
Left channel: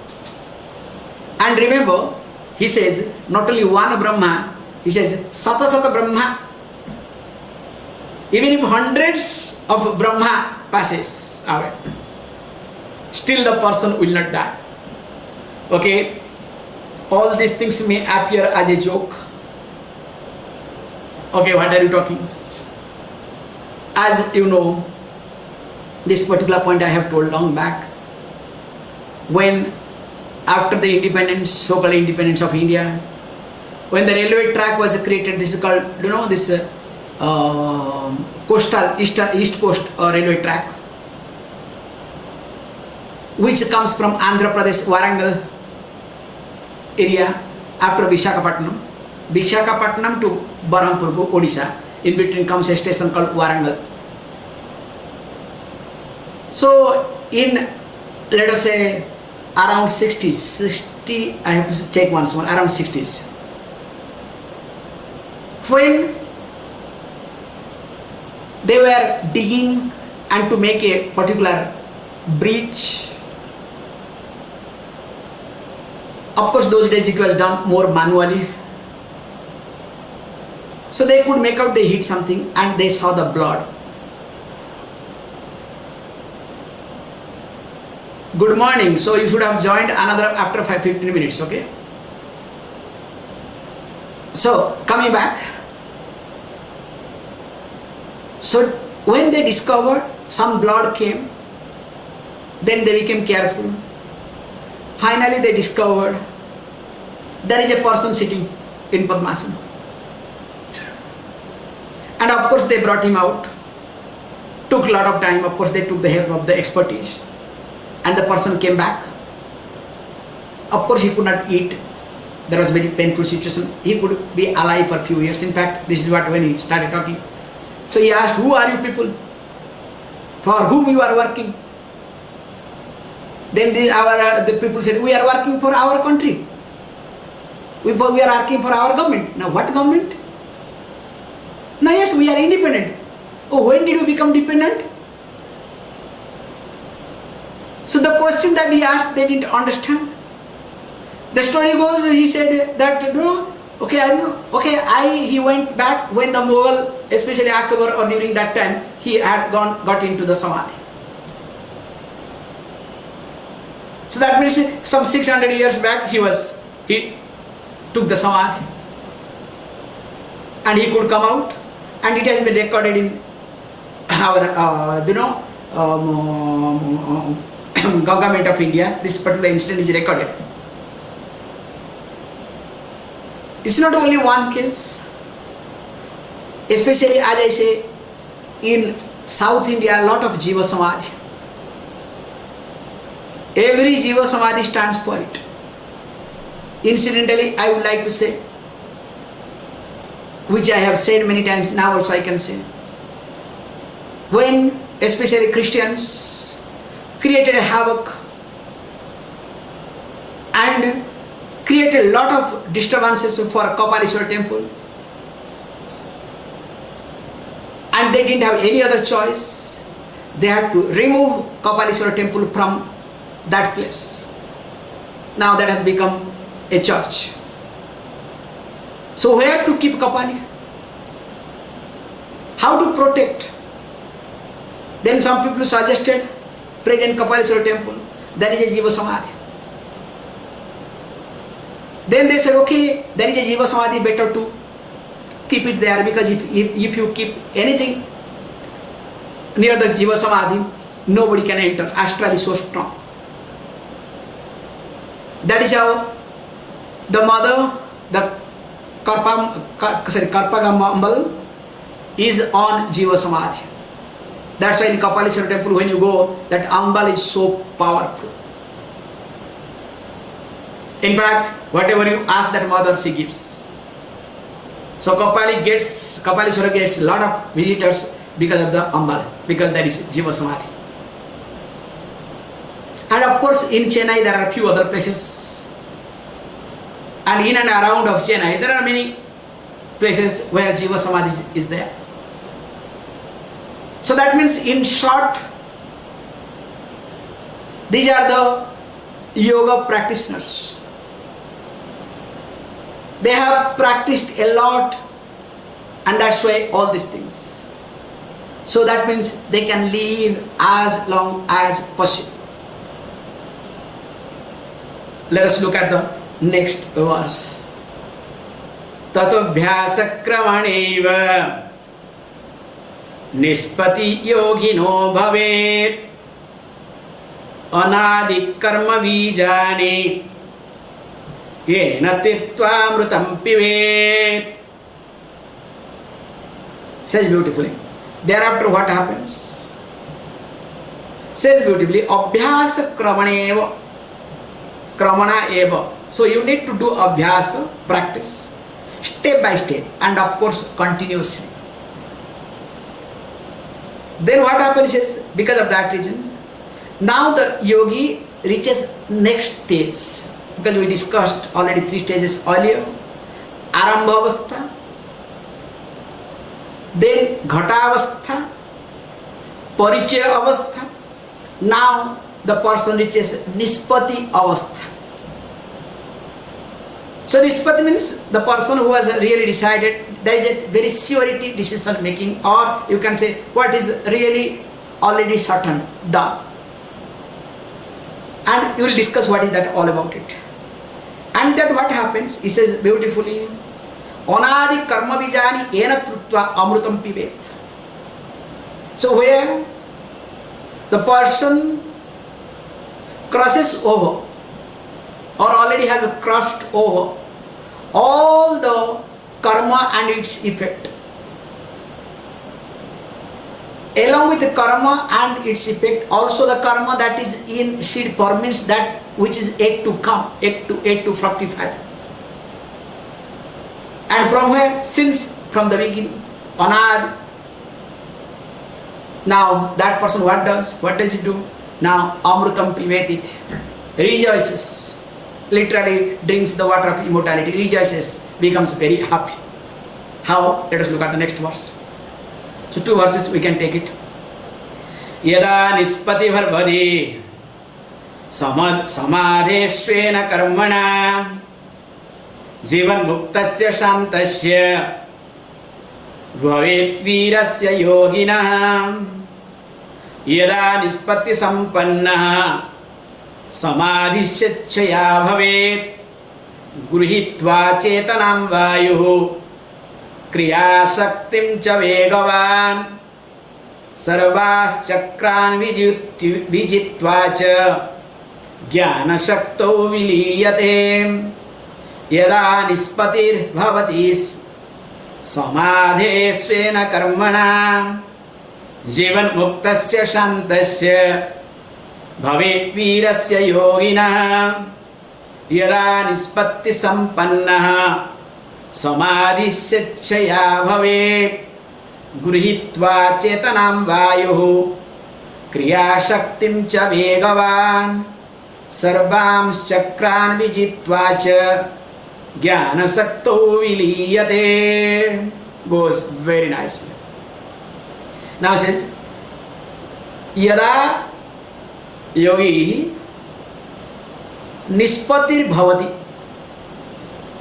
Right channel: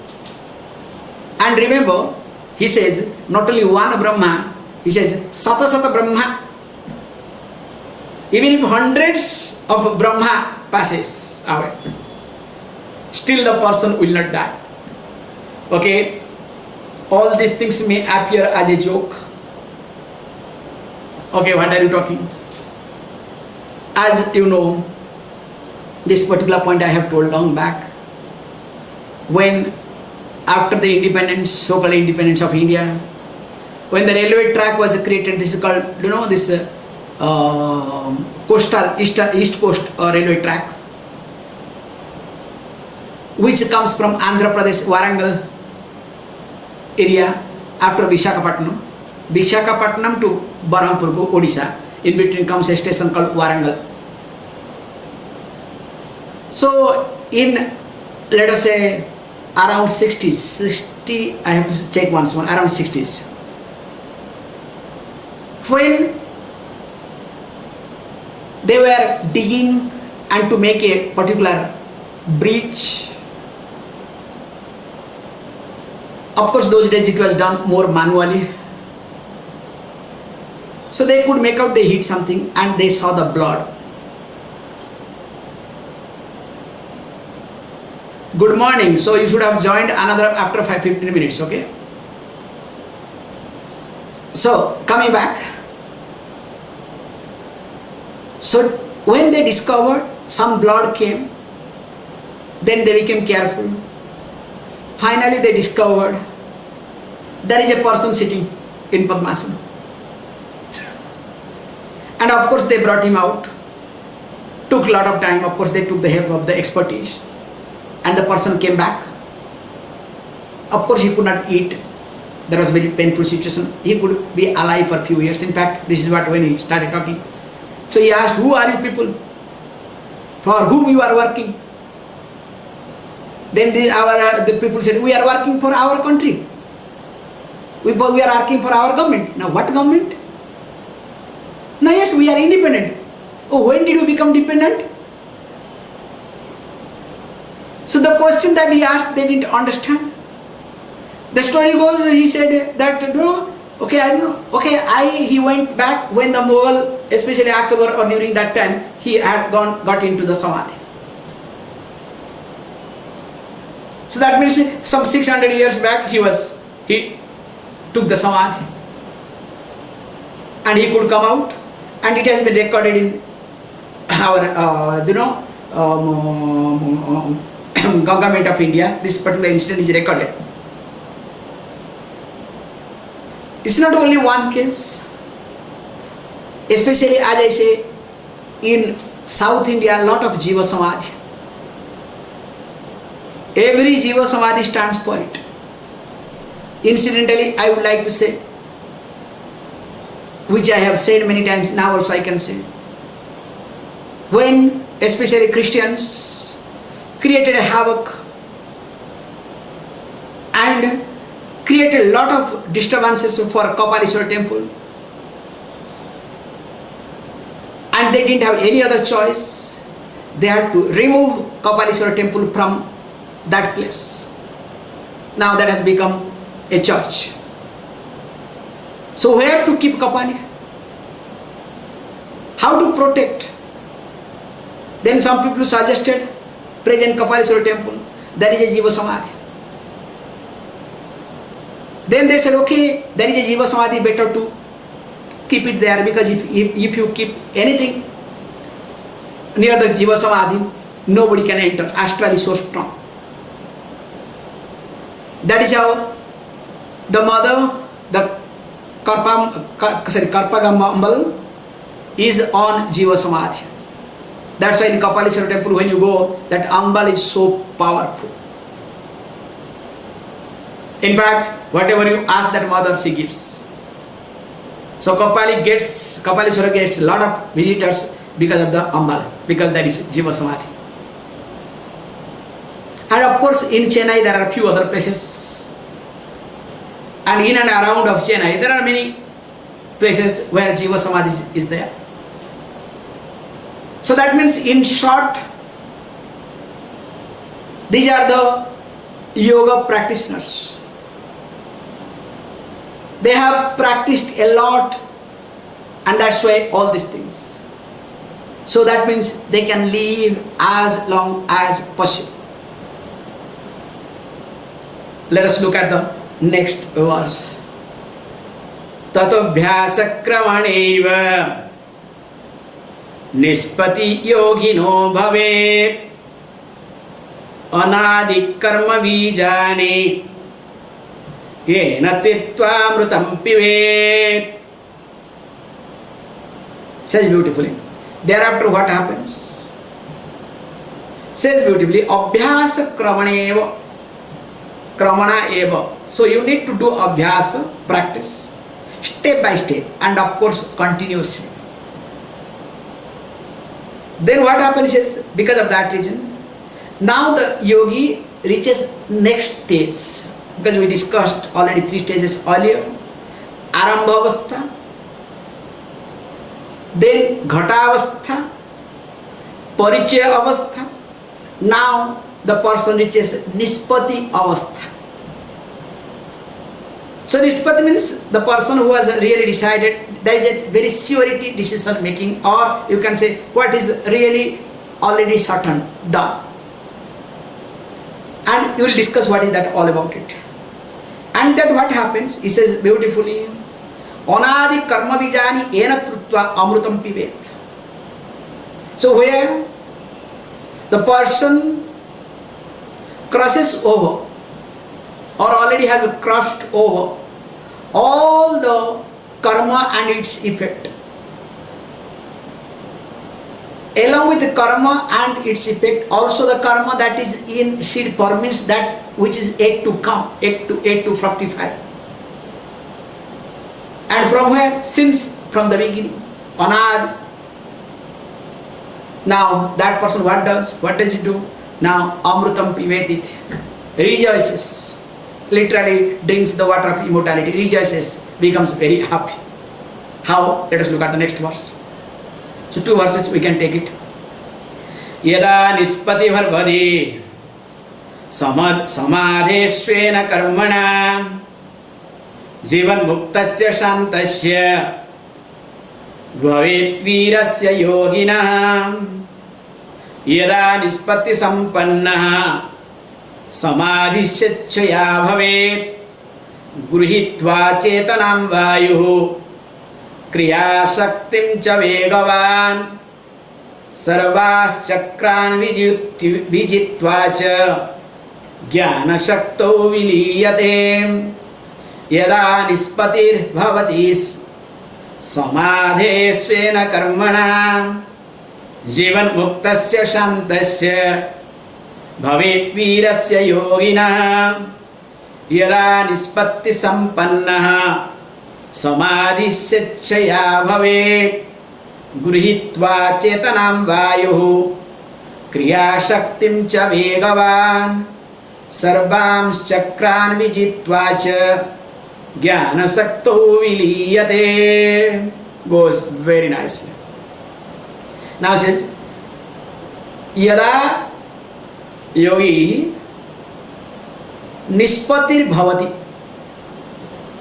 And remember, he says, not only one Brahma, he says, Sata Brahma. Even if hundreds of Brahma passes away, still the person will not die. Okay? All these things may appear as a joke. Okay, what are you talking? As you know, this particular point I have told long back. When after the independence, so-called independence of India, when the railway track was created, this is called, this coastal, east coast railway track. which comes from Andhra Pradesh, Warangal area after Visakhapatnam. Visakhapatnam to Berhampur, Odisha. In between comes a station called Warangal. So in, let us say, around 60, I have to check once more, around 60s. When they were digging and to make a particular bridge, of course those days it was done more manually. So they could make out they hit something and they saw the blood. Good morning. So you should have joined another after 15 minutes, okay? So coming back. So when they discovered some blood came, then they became careful. Finally they discovered there is a person sitting in Padmasana. And of course they brought him out. Took a lot of time. Of course they took the help of the expertise. And the person came back. Of course he could not eat. There was a very painful situation. He could be alive for a few years. In fact, this is what when he started talking. So he asked, who are you people? For whom you are working? Then the people said, we are working for our country. We are working for our government. Now what government? Now yes, we are independent. Oh, when did you become dependent? So the question that he asked, they didn't understand. The story goes, he said that, no, okay, I don't know. Okay, he went back when the Mughal, especially Akbar, or during that time, he had got into the Samadhi. So that means some 600 years back, he took the Samadhi. And he could come out, and it has been recorded in our, government of India. This particular incident is recorded. It's not only one case, especially as I say, in South India, a lot of Jiva Samadhi. Every Jiva Samadhi stands for it. Incidentally, I would like to say, which I have said many times, now also I can say, when especially Christians created a havoc and created a lot of disturbances for Kapaleshwar temple, and they didn't have any other choice, they had to remove Kapaleshwar temple from that place. Now that has become a church. So where to keep Kapali? How to protect? Then some people suggested present Kapaleshwar temple, there is a Jiva Samadhi. Then they said, okay, there is a Jiva Samadhi, better to keep it there, because if you keep anything near the Jiva Samadhi, nobody can enter. Astral is so strong. That is how the mother, the Karpagambal, is on Jiva Samadhi. That's why in Kapaleshwar temple, when you go, that Ambal is so powerful. In fact, whatever you ask that mother, she gives. So Kapaleshwar gets a lot of visitors because of the Ambal, because that is Jiva Samadhi. And of course, in Chennai there are a few other places. And in and around of Chennai, there are many places where Jiva Samadhi is there. So that means, in short, these are the yoga practitioners. They have practiced a lot, and that's why all these things. So that means they can live as long as possible. Let us look at the next verse. Tatobhyasa kramaneva nispati yogino bhavet anadi karma vijane yena titva amrutam pivet. Says beautifully. Thereafter what happens? says beautifully, abhyasa kramana eva. So you need to do abhyasa, practice, step by step, and of course continuously. Then what happens is, because of that reason, now the yogi reaches next stage, because we discussed already 3 stages earlier. Arambha avastha, then ghata avastha, parichaya avastha. Now the person reaches nispati avastha. So nispati means the person who has really decided, there is a very surety decision making, or you can say what is really already certain, done. And you will discuss what is that all about it. And then what happens, he says beautifully, anadi karma bijani ena krutva amrutam pivet. So where the person crosses over, or already has crossed over all the karma and its effect. Along with the karma and its effect, also the karma that is in seed form, means that which is yet to come, yet to fructify. And from where? Since from the beginning, anad. Now that person what does? What does he do? Now amrutam pivetit, rejoices. Literally drinks the water of immortality, rejoices, becomes very happy. How? Let us look at the next verse. So 2 verses we can take it. Yada nispati bharvadi samadhesvena karmana jivan muktasya shantasya bhavet virasya yoginah. Yada nispati sampannah समाधिश्चया भवेत् गृहीत्वा चेतनां वायुः क्रियाशक्तिं च वेगवान् सर्वाश्चक्रान् विजित्वा च ज्ञानशक्तौ विलीयते. यदा निष्पत्तिर्भवति समाधेस्वेन कर्मणा जीवन्मुक्तस्य शान्तस्य भवेत् वीरस्य योगिनः. यदा निष्पत्ति संपन्नः समाधिश्चया भवेत् गृहीत्वा चेतनां वायुः क्रियाशक्तिं च वेगवान् सर्वांश्चक्रान् विजित्वा च ज्ञानशक्तौ विलीयते. Goes very nicely. Now it says, yada yogi nispatir bhavati,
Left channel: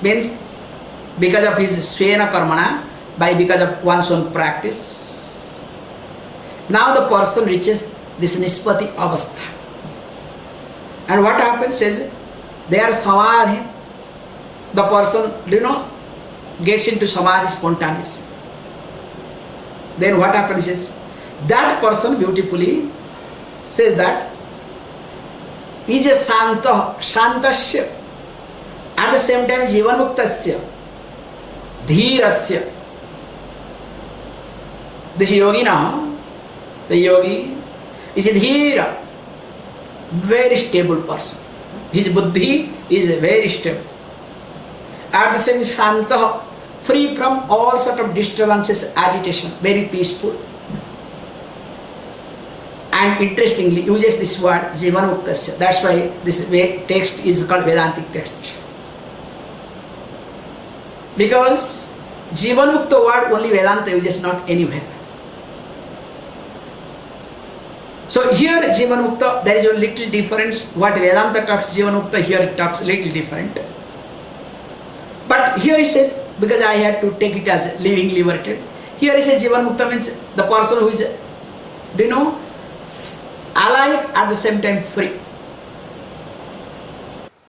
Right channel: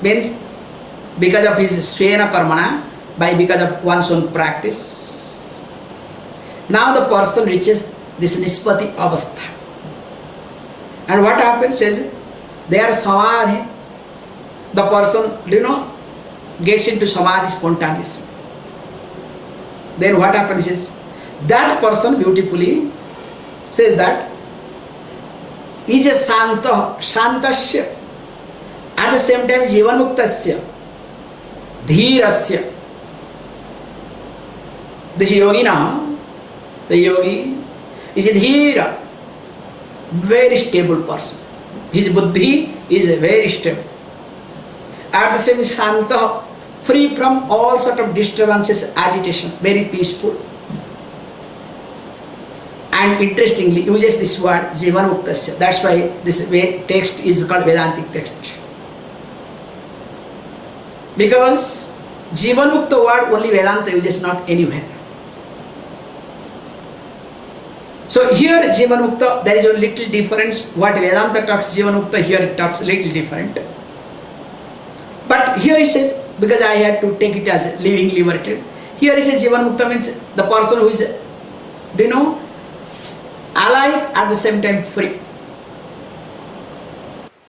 means because of his svena karmana, because of one's own practice, now the person reaches this nispati avastha. And what happens is, they are samadhi, the person gets into samadhi spontaneously. Then what happens is, that person beautifully says that is a shantasya, at the same time jivanmuktasya, dhirasya. This yogina, the yogi is a dhira, very stable person. His buddhi is very stable. At the same time shanta, free from all sort of disturbances, agitation, very peaceful. And interestingly uses this word jivanmuktasya. That's why this text is called Vedantic text. Because jivanmukta word only Vedanta uses, not anywhere. So here jivanmukta, there is a little difference. What Vedanta talks jivanmukta, here it talks little different. But here it says, because I had to take it as living liberated, here it says jivanmukta means the person who is alive at the same time free.